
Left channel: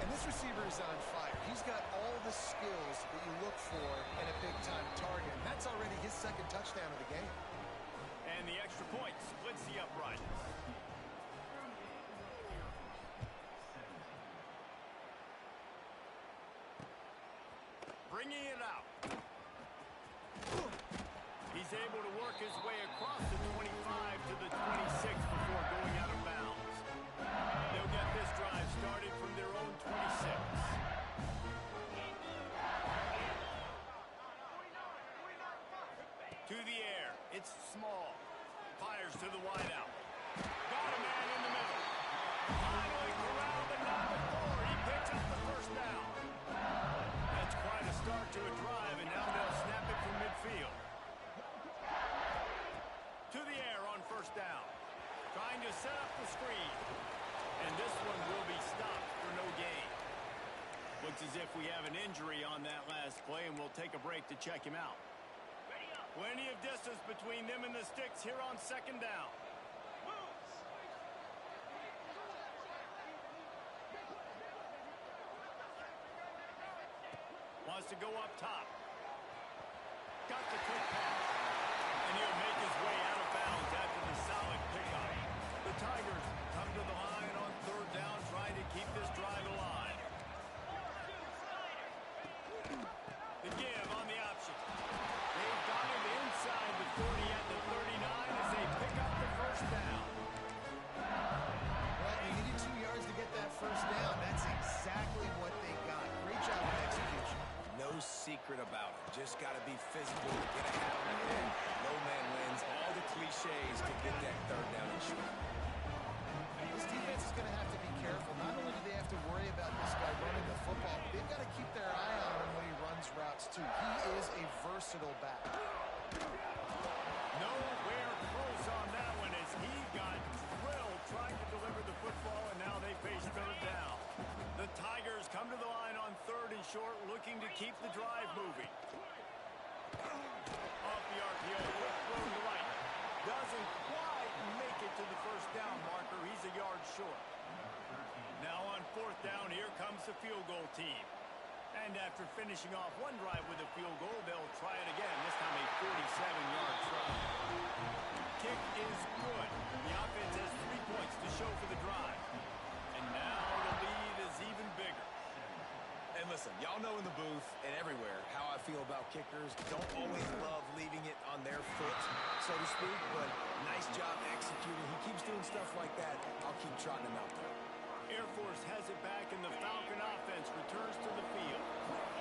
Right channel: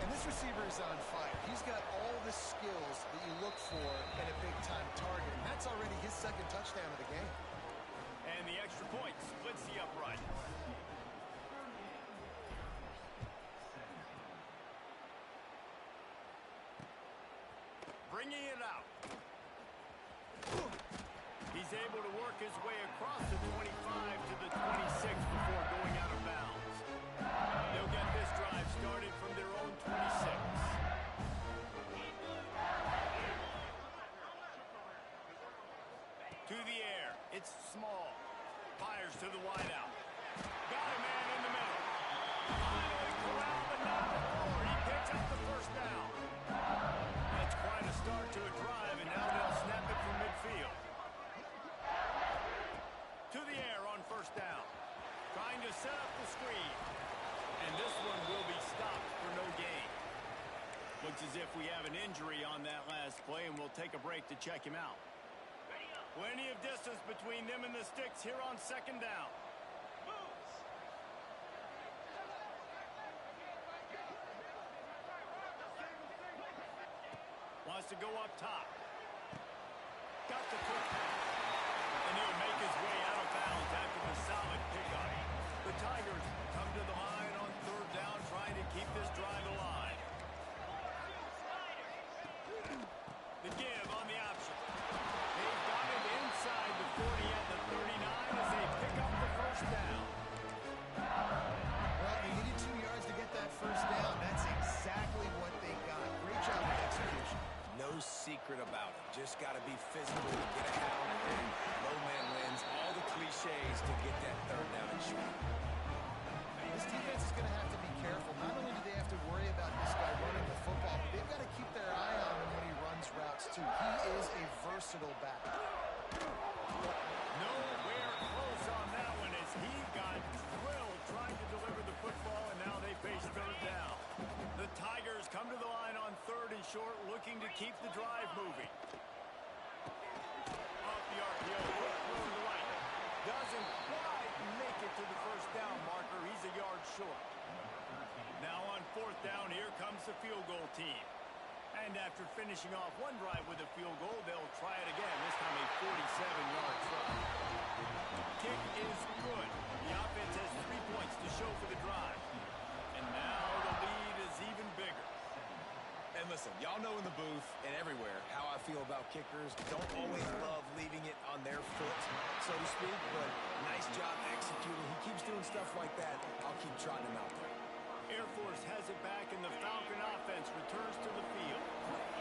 And this receiver is on fire. He's got all the skills that you look for in a big-time target. And that's already his second touchdown of the game. And the extra point splits the upright. Bringing it out. He's able to work his way across the 25 to the 26 before going out of bounds. They'll get this drive started from their own 26. To the air. It's Small. Fires to the wideout. Got a man in the middle. Finally corralled, but not before he picks up the first down. to set up the screen. And this one will be stopped for no gain. Looks as if we have an injury on that last play, and we'll take a break to check him out. Plenty of distance between them and the sticks here on second down. Wants to go up top. Got the quick pass. And he'll make his way out of bounds after the solid pickup. The Tigers come to the line on third down, trying to keep this drive alive. The give on the option. They've got it inside the 40 at the 39 as they pick up the first down. Well, they needed 2 yards to get that first down. That's exactly what they got. Great job with execution. No secret about it. Just got to be physical to get a hat on the head. Low man wins. All the cliches to get that third down and short. This defense is going to have to be careful. Not only do they have to worry about this guy running the football, but they've got to keep their eye on him when he runs routes, too. He is a versatile back. Nowhere close on that one as he got drilled trying to deliver the football, and now they face third down. The Tigers come to the line on third and short, looking to keep the drive moving. Off the RPO, quick throw to the right. Doesn't quite make it to the first down marker. He's a yard short. Now on fourth down, here comes the field goal team. And after finishing off one drive with a field goal, they'll try it again, this time a 47-yard try. Kick is good. The offense has 3 points to show for the drive. And now the lead is even bigger. And listen, y'all know in the booth and everywhere how I feel about kickers. Don't always love leaving it on their foot, so to speak, but nice job executing. He keeps doing stuff like that. I'll keep trotting him out there. Air Force has it back, and the Falcon offense returns to the field.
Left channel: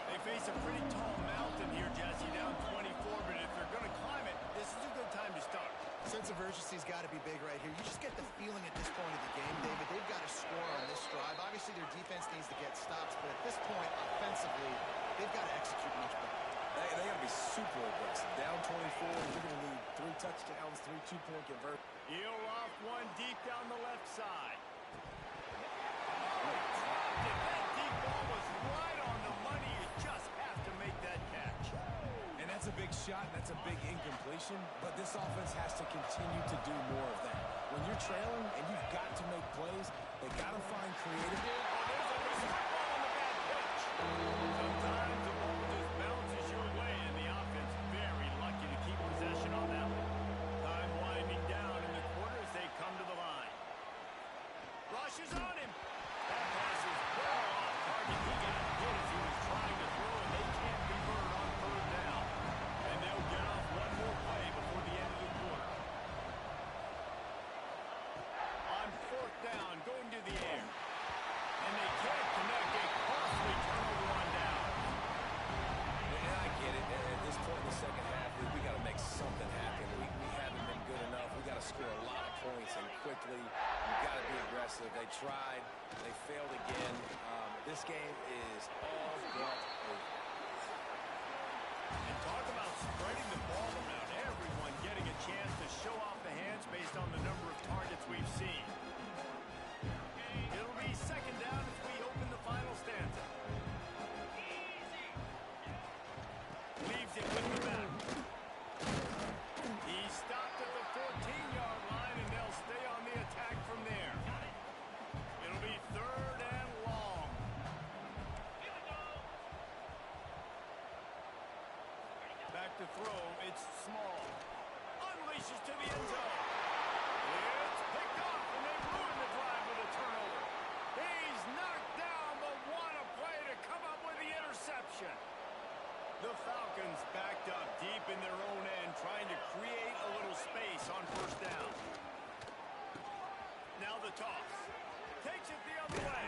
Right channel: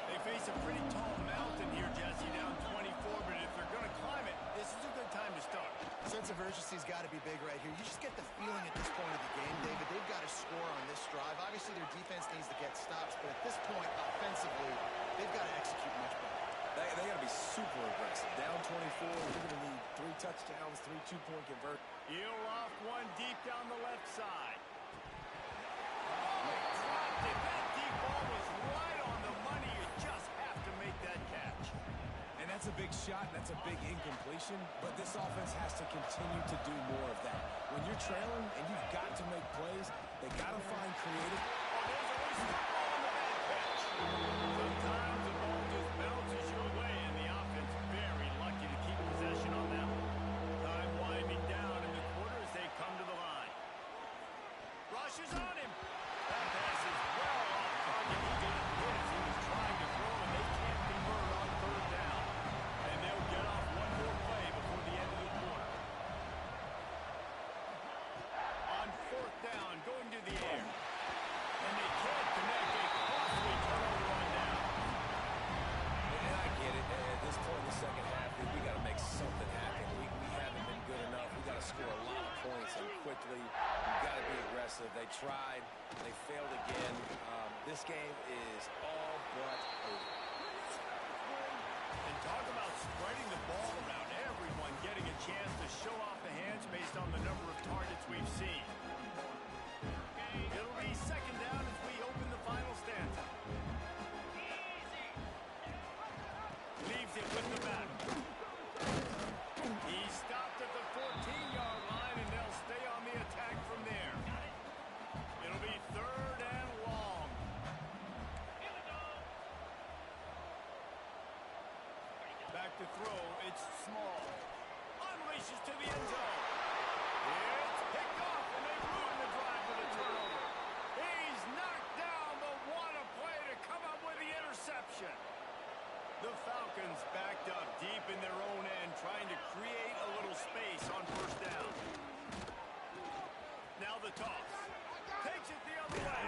They face a pretty tall mountain here, Jesse, down 24, but if they're going to climb it, this is a good time to start. Sense of urgency's got to be big right here. You just get the feeling at this point of the game, David, they've got to score on this drive. Obviously, their defense needs to get stops, but at this point, offensively, they've got to execute much better. They got to be super aggressive. Down 24, you're going to need 3 touchdowns, 3 two-point conversions. He'll off one deep down the left side. Oh, he dropped it. That deep ball was right on the money. You just have to make that catch. And that's a big shot, that's a big incompletion, but this offense has to continue to do more of that. When you're trailing and you've got to make plays, they got to find creative. Oh, there's a loose football on the bad pitch. Sometimes the ball just bounces your way, and the offense very lucky to keep possession on that one. Time winding down in the quarter as they come to the line. Rushes on him. That pass is well off target. He got hit as he was trying to throw, and they can't convert on third down. And they'll get off one more play before the end of the quarter. On fourth down, going to the air. And they can't connect. A costly turnover on down. And I get it. At this point in the second half, we got to make something happen. We haven't been good enough. We got to score a lot of points and quickly. We've got to be aggressive. They tried. They failed again. This game is all but over. And talk about spreading the ball around. Everyone getting a chance to show off the hands based on the number of targets we've seen. It'll be second down as we open the final stanza. Leaves it with the back. He stopped at the 14-yard line, and they'll stay on the attack from there. It'll be third and long. Here we go. Back to throw. It's small. Unleashes to the end zone. It's picked off, and they ruin the drive with a turnover. He's knocked down, but what a play to come up with the interception. The Falcons backed up deep in their own end, trying to create a little space on first down. Now the toss. Takes it the other way.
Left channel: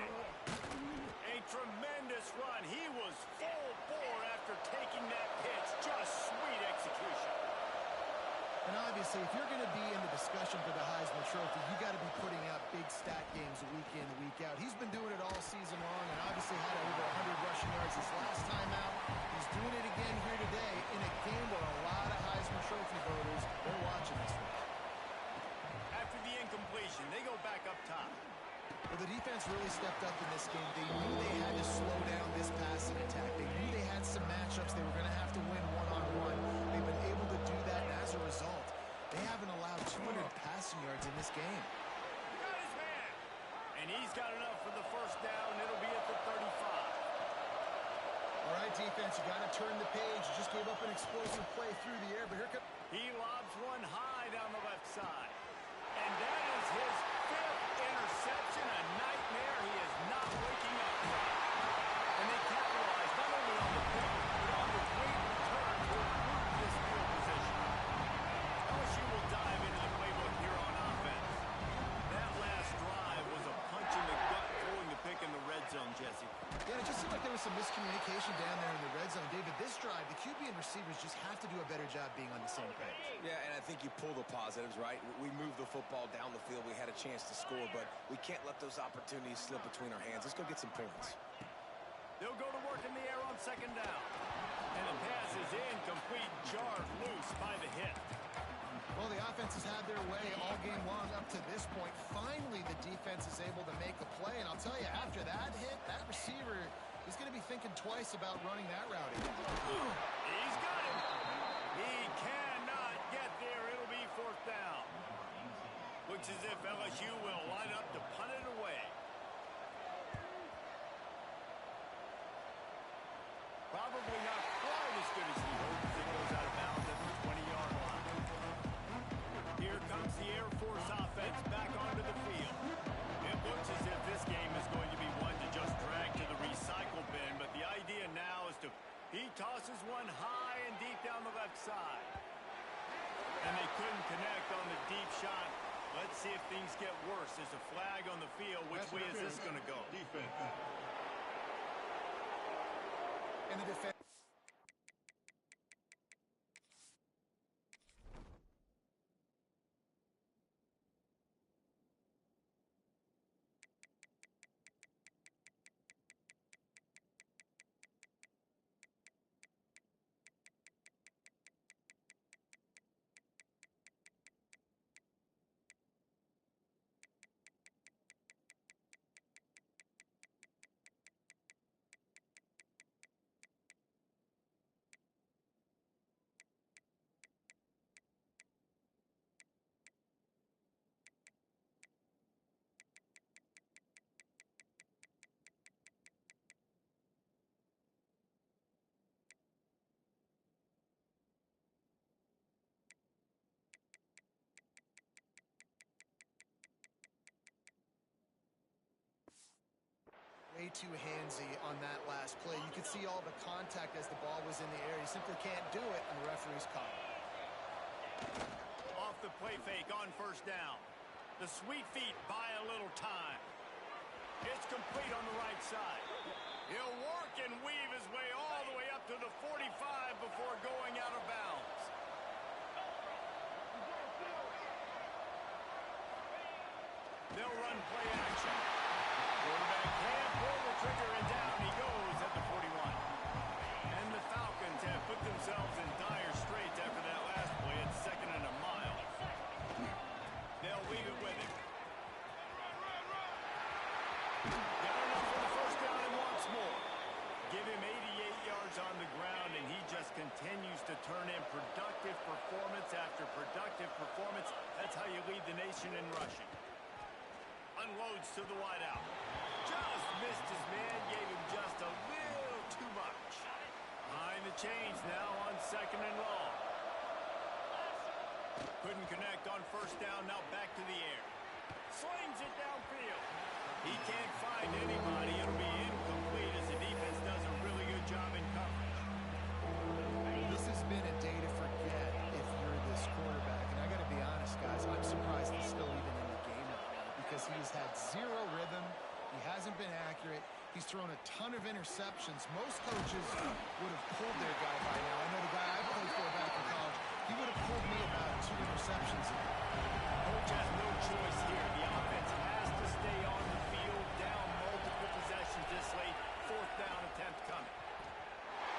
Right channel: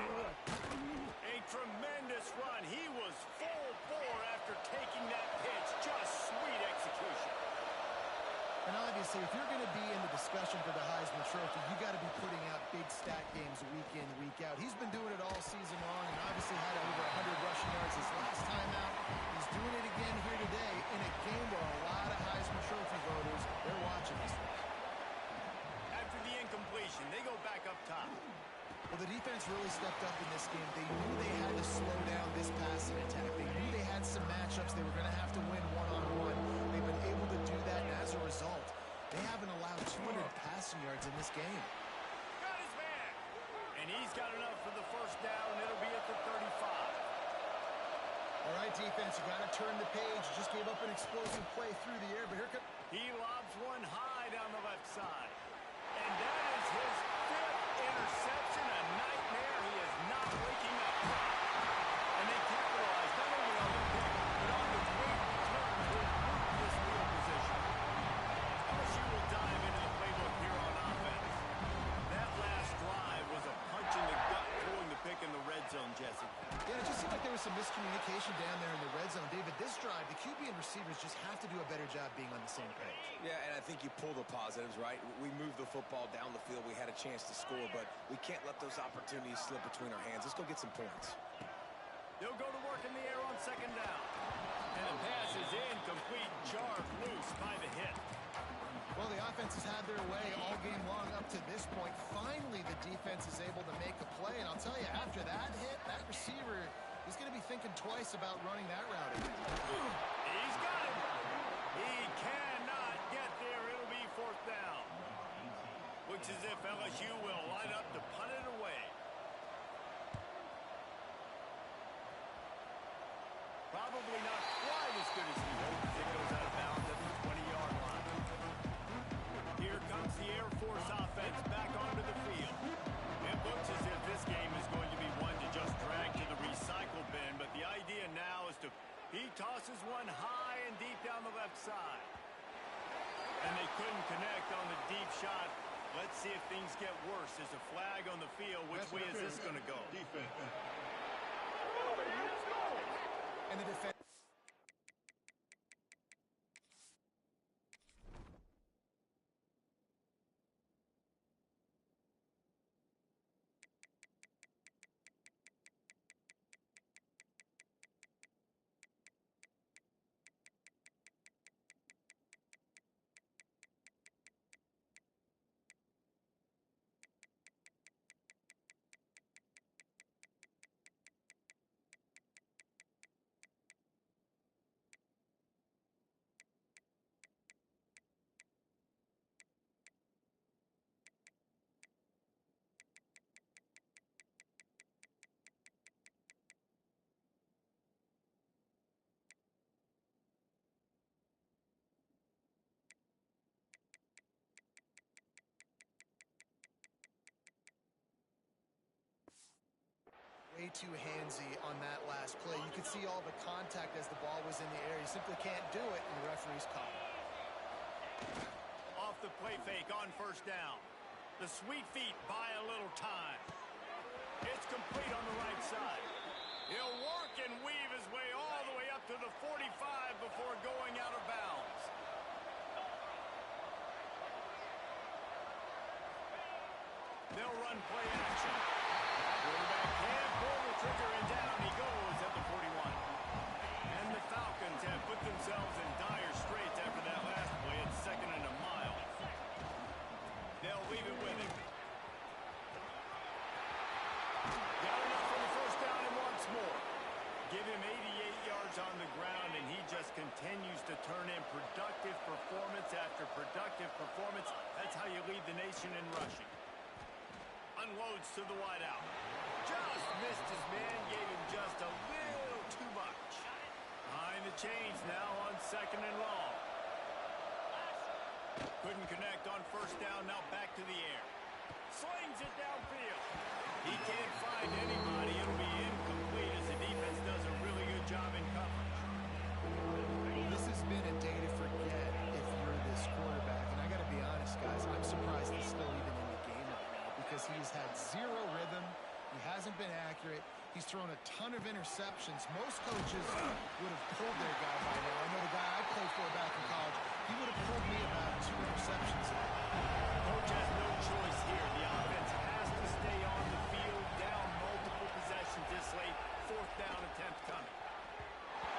A tremendous run. He was full bore after taking that pitch. Just sweet execution. And obviously, if you're going to be in the discussion for the Heisman Trophy, you got to be putting out big stat games week in, week out. He's been doing it all season long and obviously had over 100 rushing yards his last time out. He's doing it again here today in a game where a lot of Heisman Trophy voters, they're watching this one. After the incompletion. formation. They go back up top. Well, the defense really stepped up in this game. They knew they had to slow down this passing attack. They knew they had some matchups they were going to have to win one-on-one. They've been able to do that, and as a result, they haven't allowed 200 passing yards in this game. Got his man. And he's got enough for the first down. It'll be at the 35. All right, defense, you got to turn the page. You just gave up an explosive play through the air, but here comes... He lobs one high down the left side. And that is his 5th interception, a nightmare he is not waking up from. And they capitalize not only on the pick, but on the great return to improve this field position. LSU will dive into the playbook here on offense. That last drive was a punch in the gut, throwing the pick in the red zone, Jesse. Yeah, it just seemed like there was some miscommunication down there in the red zone. David, this drive, the QB and receivers just have to do a better job being on the same page. Yeah, and I think you pull the positives, right? We moved the football down the field. We had a chance to score, but we can't let those opportunities slip between our hands. Let's go get some points. They'll go to work in the air on second down. And the pass is incomplete, jarred loose by the hit. Well, the offense has had their way all game long up to this point. Finally, the defense is able to make a play. And I'll tell you, after that hit, that receiver is going to be thinking twice about running that route again. He's got it. He cannot get there. It'll be 4th down. Looks as if LSU will line up to punt it away. Probably not quite as good as he hoped as it goes out of bounds at the 20-yard line. Here comes the Air Force offense back onto the field. It looks as if this game is going to be one to just drag to the recycle bin, but the idea now is to... He tosses one high and deep down the left side. And they couldn't connect on the deep shot. Let's see if things get worse. There's a flag on the field. Which way is this going to go? Defense. And the defense... way too handsy on that last play. You could see all the contact as the ball was in the air. You simply can't do it, and the referee's caught it. Off the play fake on first down. The sweet feet buy a little time. It's complete on the right side. He'll work and weave his way all the way up to the 45 before going out of bounds. They'll run play action. Quarterback can't pull the trigger, and down he goes at the 41. And the Falcons have put themselves in dire straits after that last play. It's 2nd and a mile. They'll leave it with him. Got enough for the first down and wants more. Give him 88 yards on the ground, and he just continues to turn in productive performance after productive performance. That's how you lead the nation in rushing. Unloads to the wideout. Just missed his man, gave him just a little too much. Behind the chains now on 2nd and long. Couldn't connect on first down, now back to the air. Slings it downfield. He can't find anybody. It'll be incomplete as the defense does a really good job in coverage. This has been a day to forget if you're this quarterback. And I got to be honest, guys, I'm surprised he's still even in the game right now because he has had zero rhythm. He hasn't been accurate. He's thrown a ton of interceptions. Most coaches would have pulled their guy by now. I know the guy I played for back in college, he would have pulled me about 2 interceptions ago. Coach has no choice here. The offense has to stay on the field, down multiple possessions this late. 4th down attempt coming.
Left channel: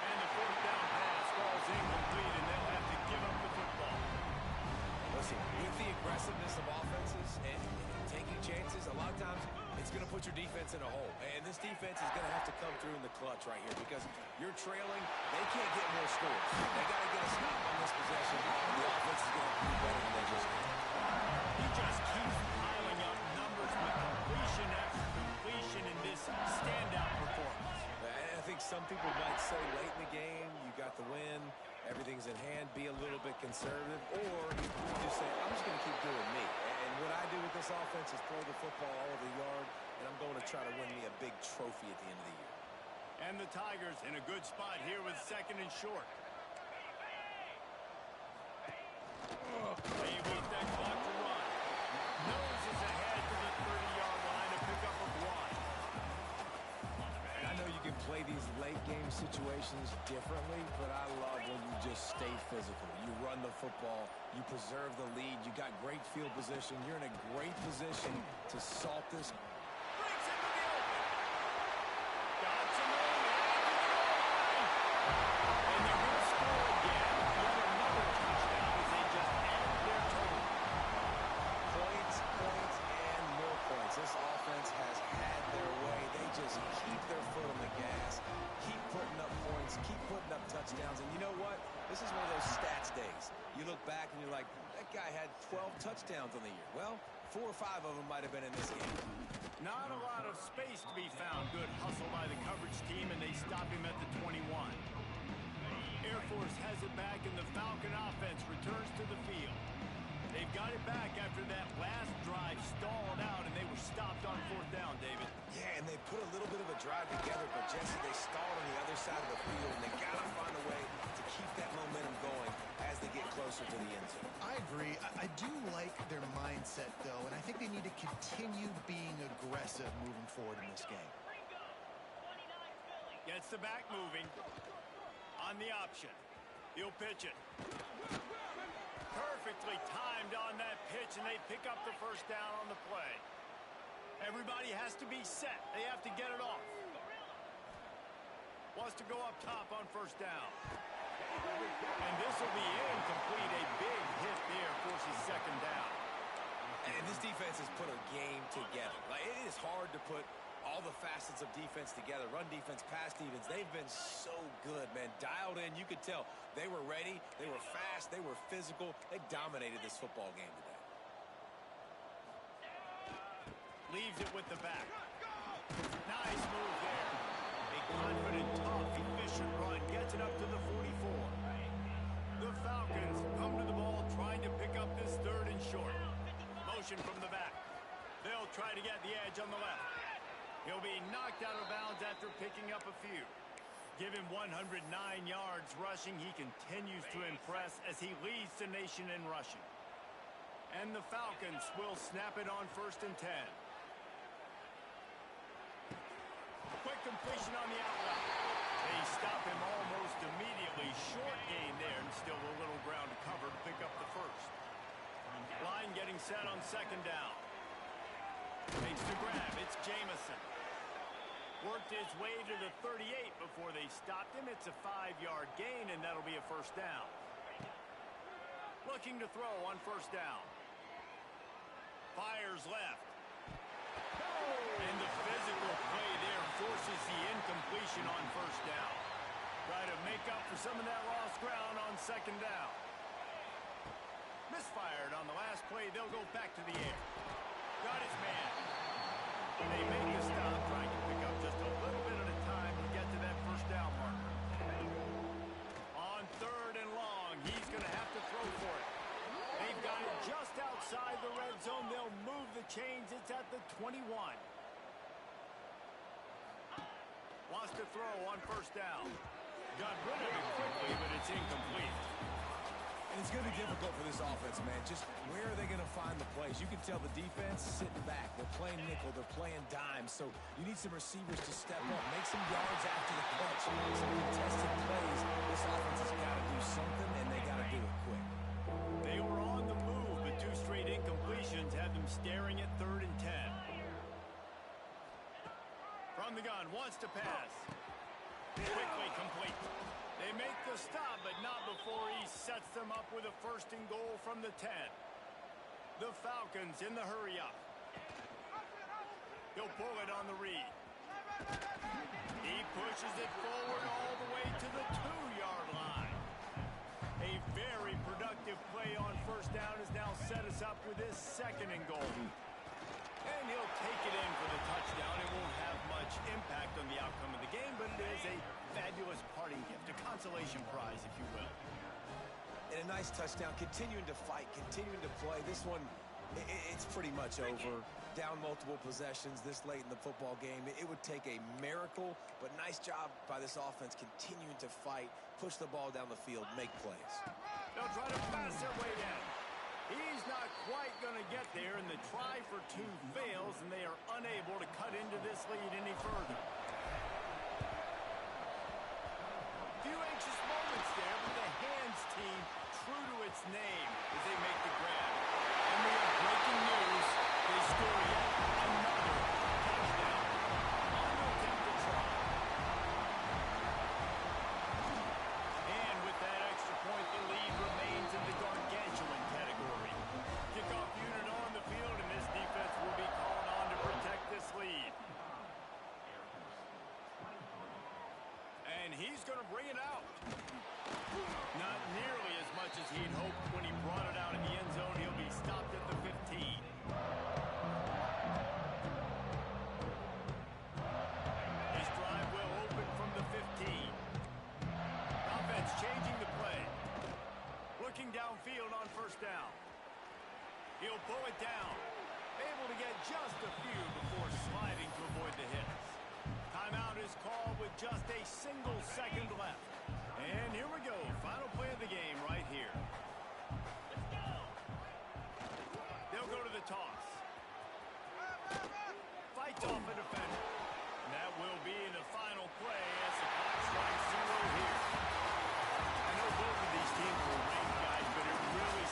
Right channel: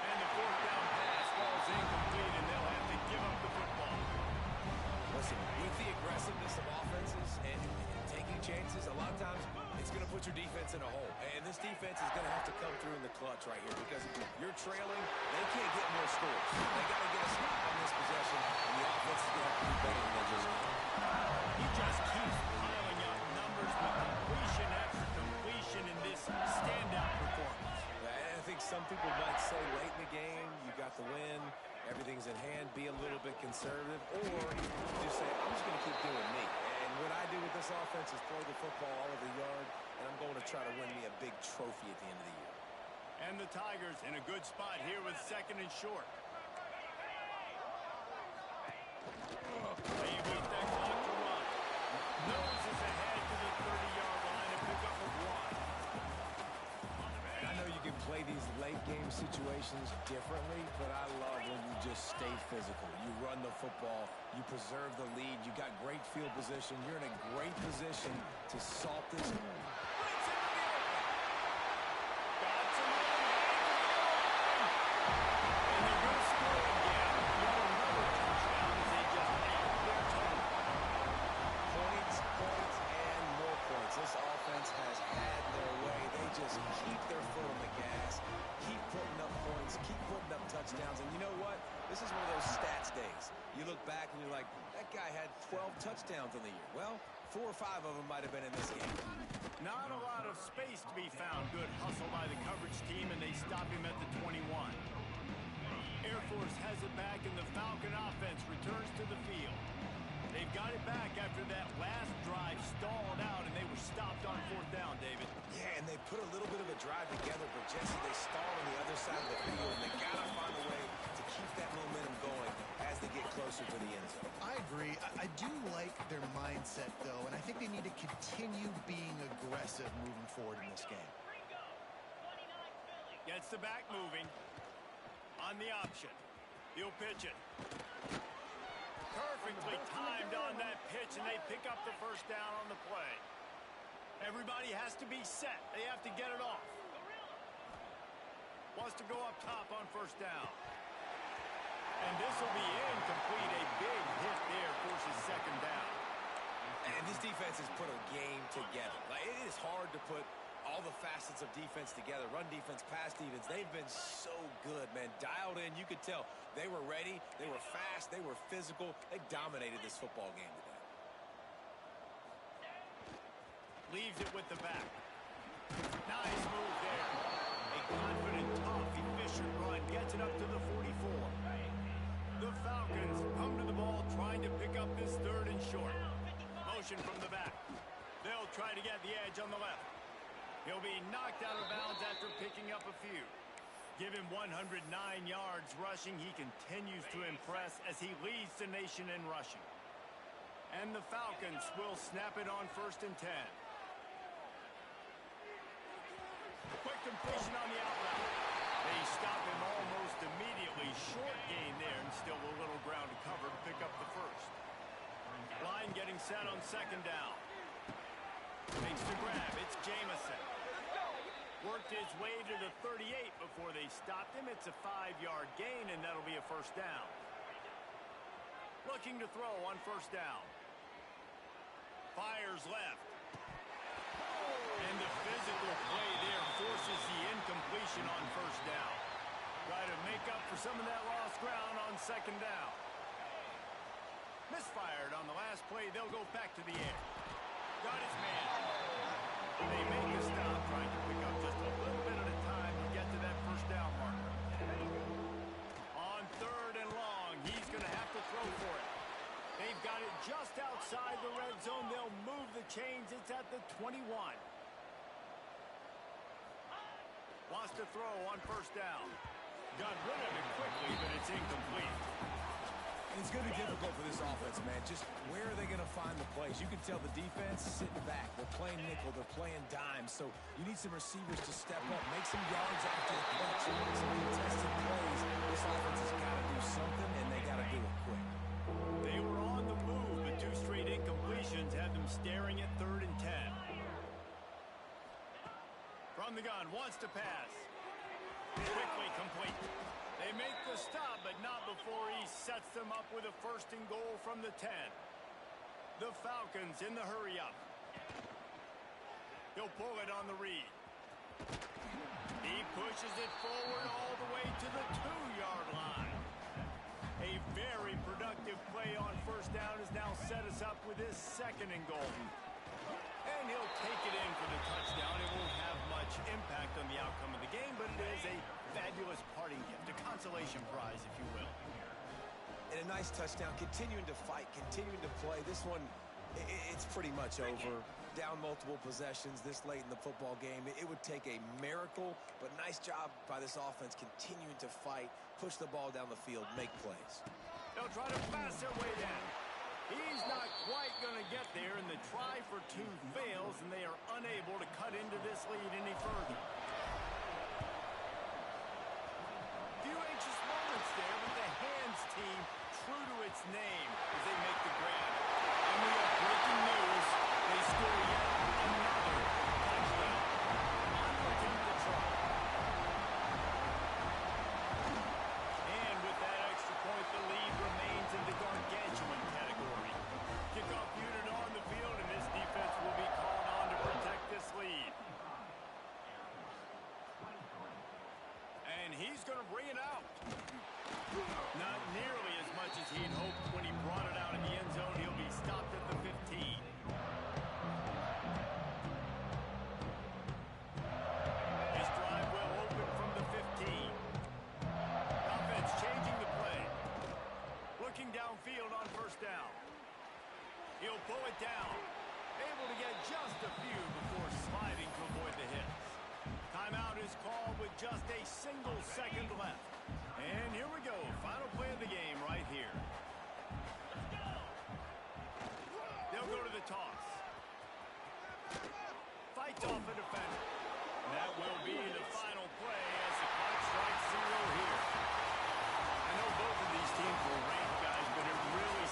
And the 4th down pass falls incomplete, and they'll have to give up the football. Listen, with the aggressiveness of offenses, and to lot of times it's going to put your defense in a hole. And this defense is going to have to come through in the clutch right here because you're trailing. They can't get more scores. They got to get a stop on this possession, and the offense is going to have to do better than they just did. He just keeps piling up numbers with completion after completion in this standout performance. I think some people might say late in the game, you got the win, everything's in hand, be a little bit conservative, or you just say, I'm just going to keep doing me. And what I do with this offense is throw the football all over the yard, and I'm going to try to win me a big trophy at the end of the year. And the Tigers in a good spot here with 2nd and short. They wait that clock to run. Noses ahead to the 30-yard line, a pickup of 1. I know you can play these late-game situations differently, but I love when you just stay physical. You run the football, you preserve the lead, you got great field position, you're in a great position to salt this. Breaks into the open. Got some room, heading to the goal line. And they're going to score again. Yet another touchdown as they just add their total. Points, points, and more points. This offense has had their way. They just keep their foot on the gas, keep putting up points, keep putting up touchdowns. And you know what? This is one of those stats days. You look back and you're like, that guy had 12 touchdowns on the year. Well, 4 or 5 of them might have been in this game. Not a lot of space to be found. Good hustle by the coverage team, and they stop him at the 21. Air Force has it back, and the Falcon offense returns to the field. They've got it back after that last drive stalled out, and they were stopped on 4th down, David. Yeah, and they put a little bit of a drive together, but Jesse, they stalled on the other side of the field, and they got to find a way to keep that momentum going as they get closer to the end zone. I agree. I do like their mindset, though, and I think they need to continue being aggressive moving forward in this game. Gets the back moving. On the option. He'll pitch it. Perfectly timed on that pitch, and they pick up the 1st down on the play. Everybody has to be set. They have to get it off. Wants to go up top on 1st down. And this will be incomplete. A big hit there forces 2nd down. And this defense has put a game together. Like, it is hard to put all the facets of defense together. Run defense, pass defense. They've been so good, man. Dialed in. You could tell they were ready. They were fast. They were physical. They dominated this football game today. Leaves it with the back. Nice move there. A confident, tough, efficient run. Gets it up to the 44. The Falcons come to the ball trying to pick up this 3rd and short. Motion from the back. They'll try to get the edge on the left. He'll be knocked out of bounds after picking up a few. Give him 109 yards rushing. He continues to impress as he leads the nation in rushing. And the Falcons will snap it on 1st and 10. Quick completion on the out route. They stop him almost immediately. Short gain there, and still a little ground to cover to pick up the 1st. Line getting set on 2nd down. Makes the grab. It's Jamison. Worked his way to the 38 before they stopped him. It's a 5-yard gain, and that'll be a 1st down. Looking to throw on 1st down. Fires left. And the physical play there forces the incompletion on 1st down. Try to make up for some of that lost ground on 2nd down. Misfired on the last play. They'll go back to the air. Got his man. They make the stop, trying to pick up just a little bit at a time to get to that 1st down marker. On 3rd and long, he's going to have to throw for it. They've got it just outside the red zone. They'll move the chains. It's at the 21. Wants to throw on 1st down. Got rid of it quickly, but it's incomplete. And it's going to be difficult for this offense, man. Just where are they going to find the plays? You can tell the defense sitting back. They're playing nickel. They're playing dime. So you need some receivers to step up, make some yards after the catch, some contested plays. This offense has got to do something, and they got to do it quick. They were on the move, but 2 straight incompletions had them staring at 3rd and 10. From the gun, wants to pass. Quickly complete. They make the stop, but not before he sets them up with a 1st and goal from the 10. The Falcons in the hurry-up. He'll pull it on the read. He pushes it forward all the way to the 2-yard line. A very productive play on first down has now set us up with his 2nd and goal. And he'll take it in for the touchdown. It won't have much impact on the outcome of the game, but it is a fabulous parting gift, a consolation prize, if you will. And a nice touchdown, continuing to fight, continuing to play. This one, it's pretty much over. Down multiple possessions this late in the football game. It would take a miracle, but nice job by this offense continuing to fight, push the ball down the field, make plays. They'll try to pass their way in. He's not quite going to get there, and the try for 2 fails, and they are unable to cut into this lead any further. Few anxious moments there, but the hands team true to its name as they make the grab. And we have breaking news. They score yet another touchdown. On to attempt the try. And with that extra point, the lead remains in the gargantuan category. Kickoff unit on the field, and this defense will be called on to protect this lead. And he's going to bring it out. Not nearly as much as he'd hoped when he brought it out in the end zone. He'll be stopped at the 15. His drive will open from the 15. Offense changing the play. Looking downfield on first down. He'll pull it down. Able to get just a few before sliding to avoid the hits. Timeout is called with just a single second left. And here we go. Final play of the game right here. They'll go to the toss. Fights off a defender. That will be the final play as the clock strikes 0 here. I know both of these teams were ranked, guys, but it really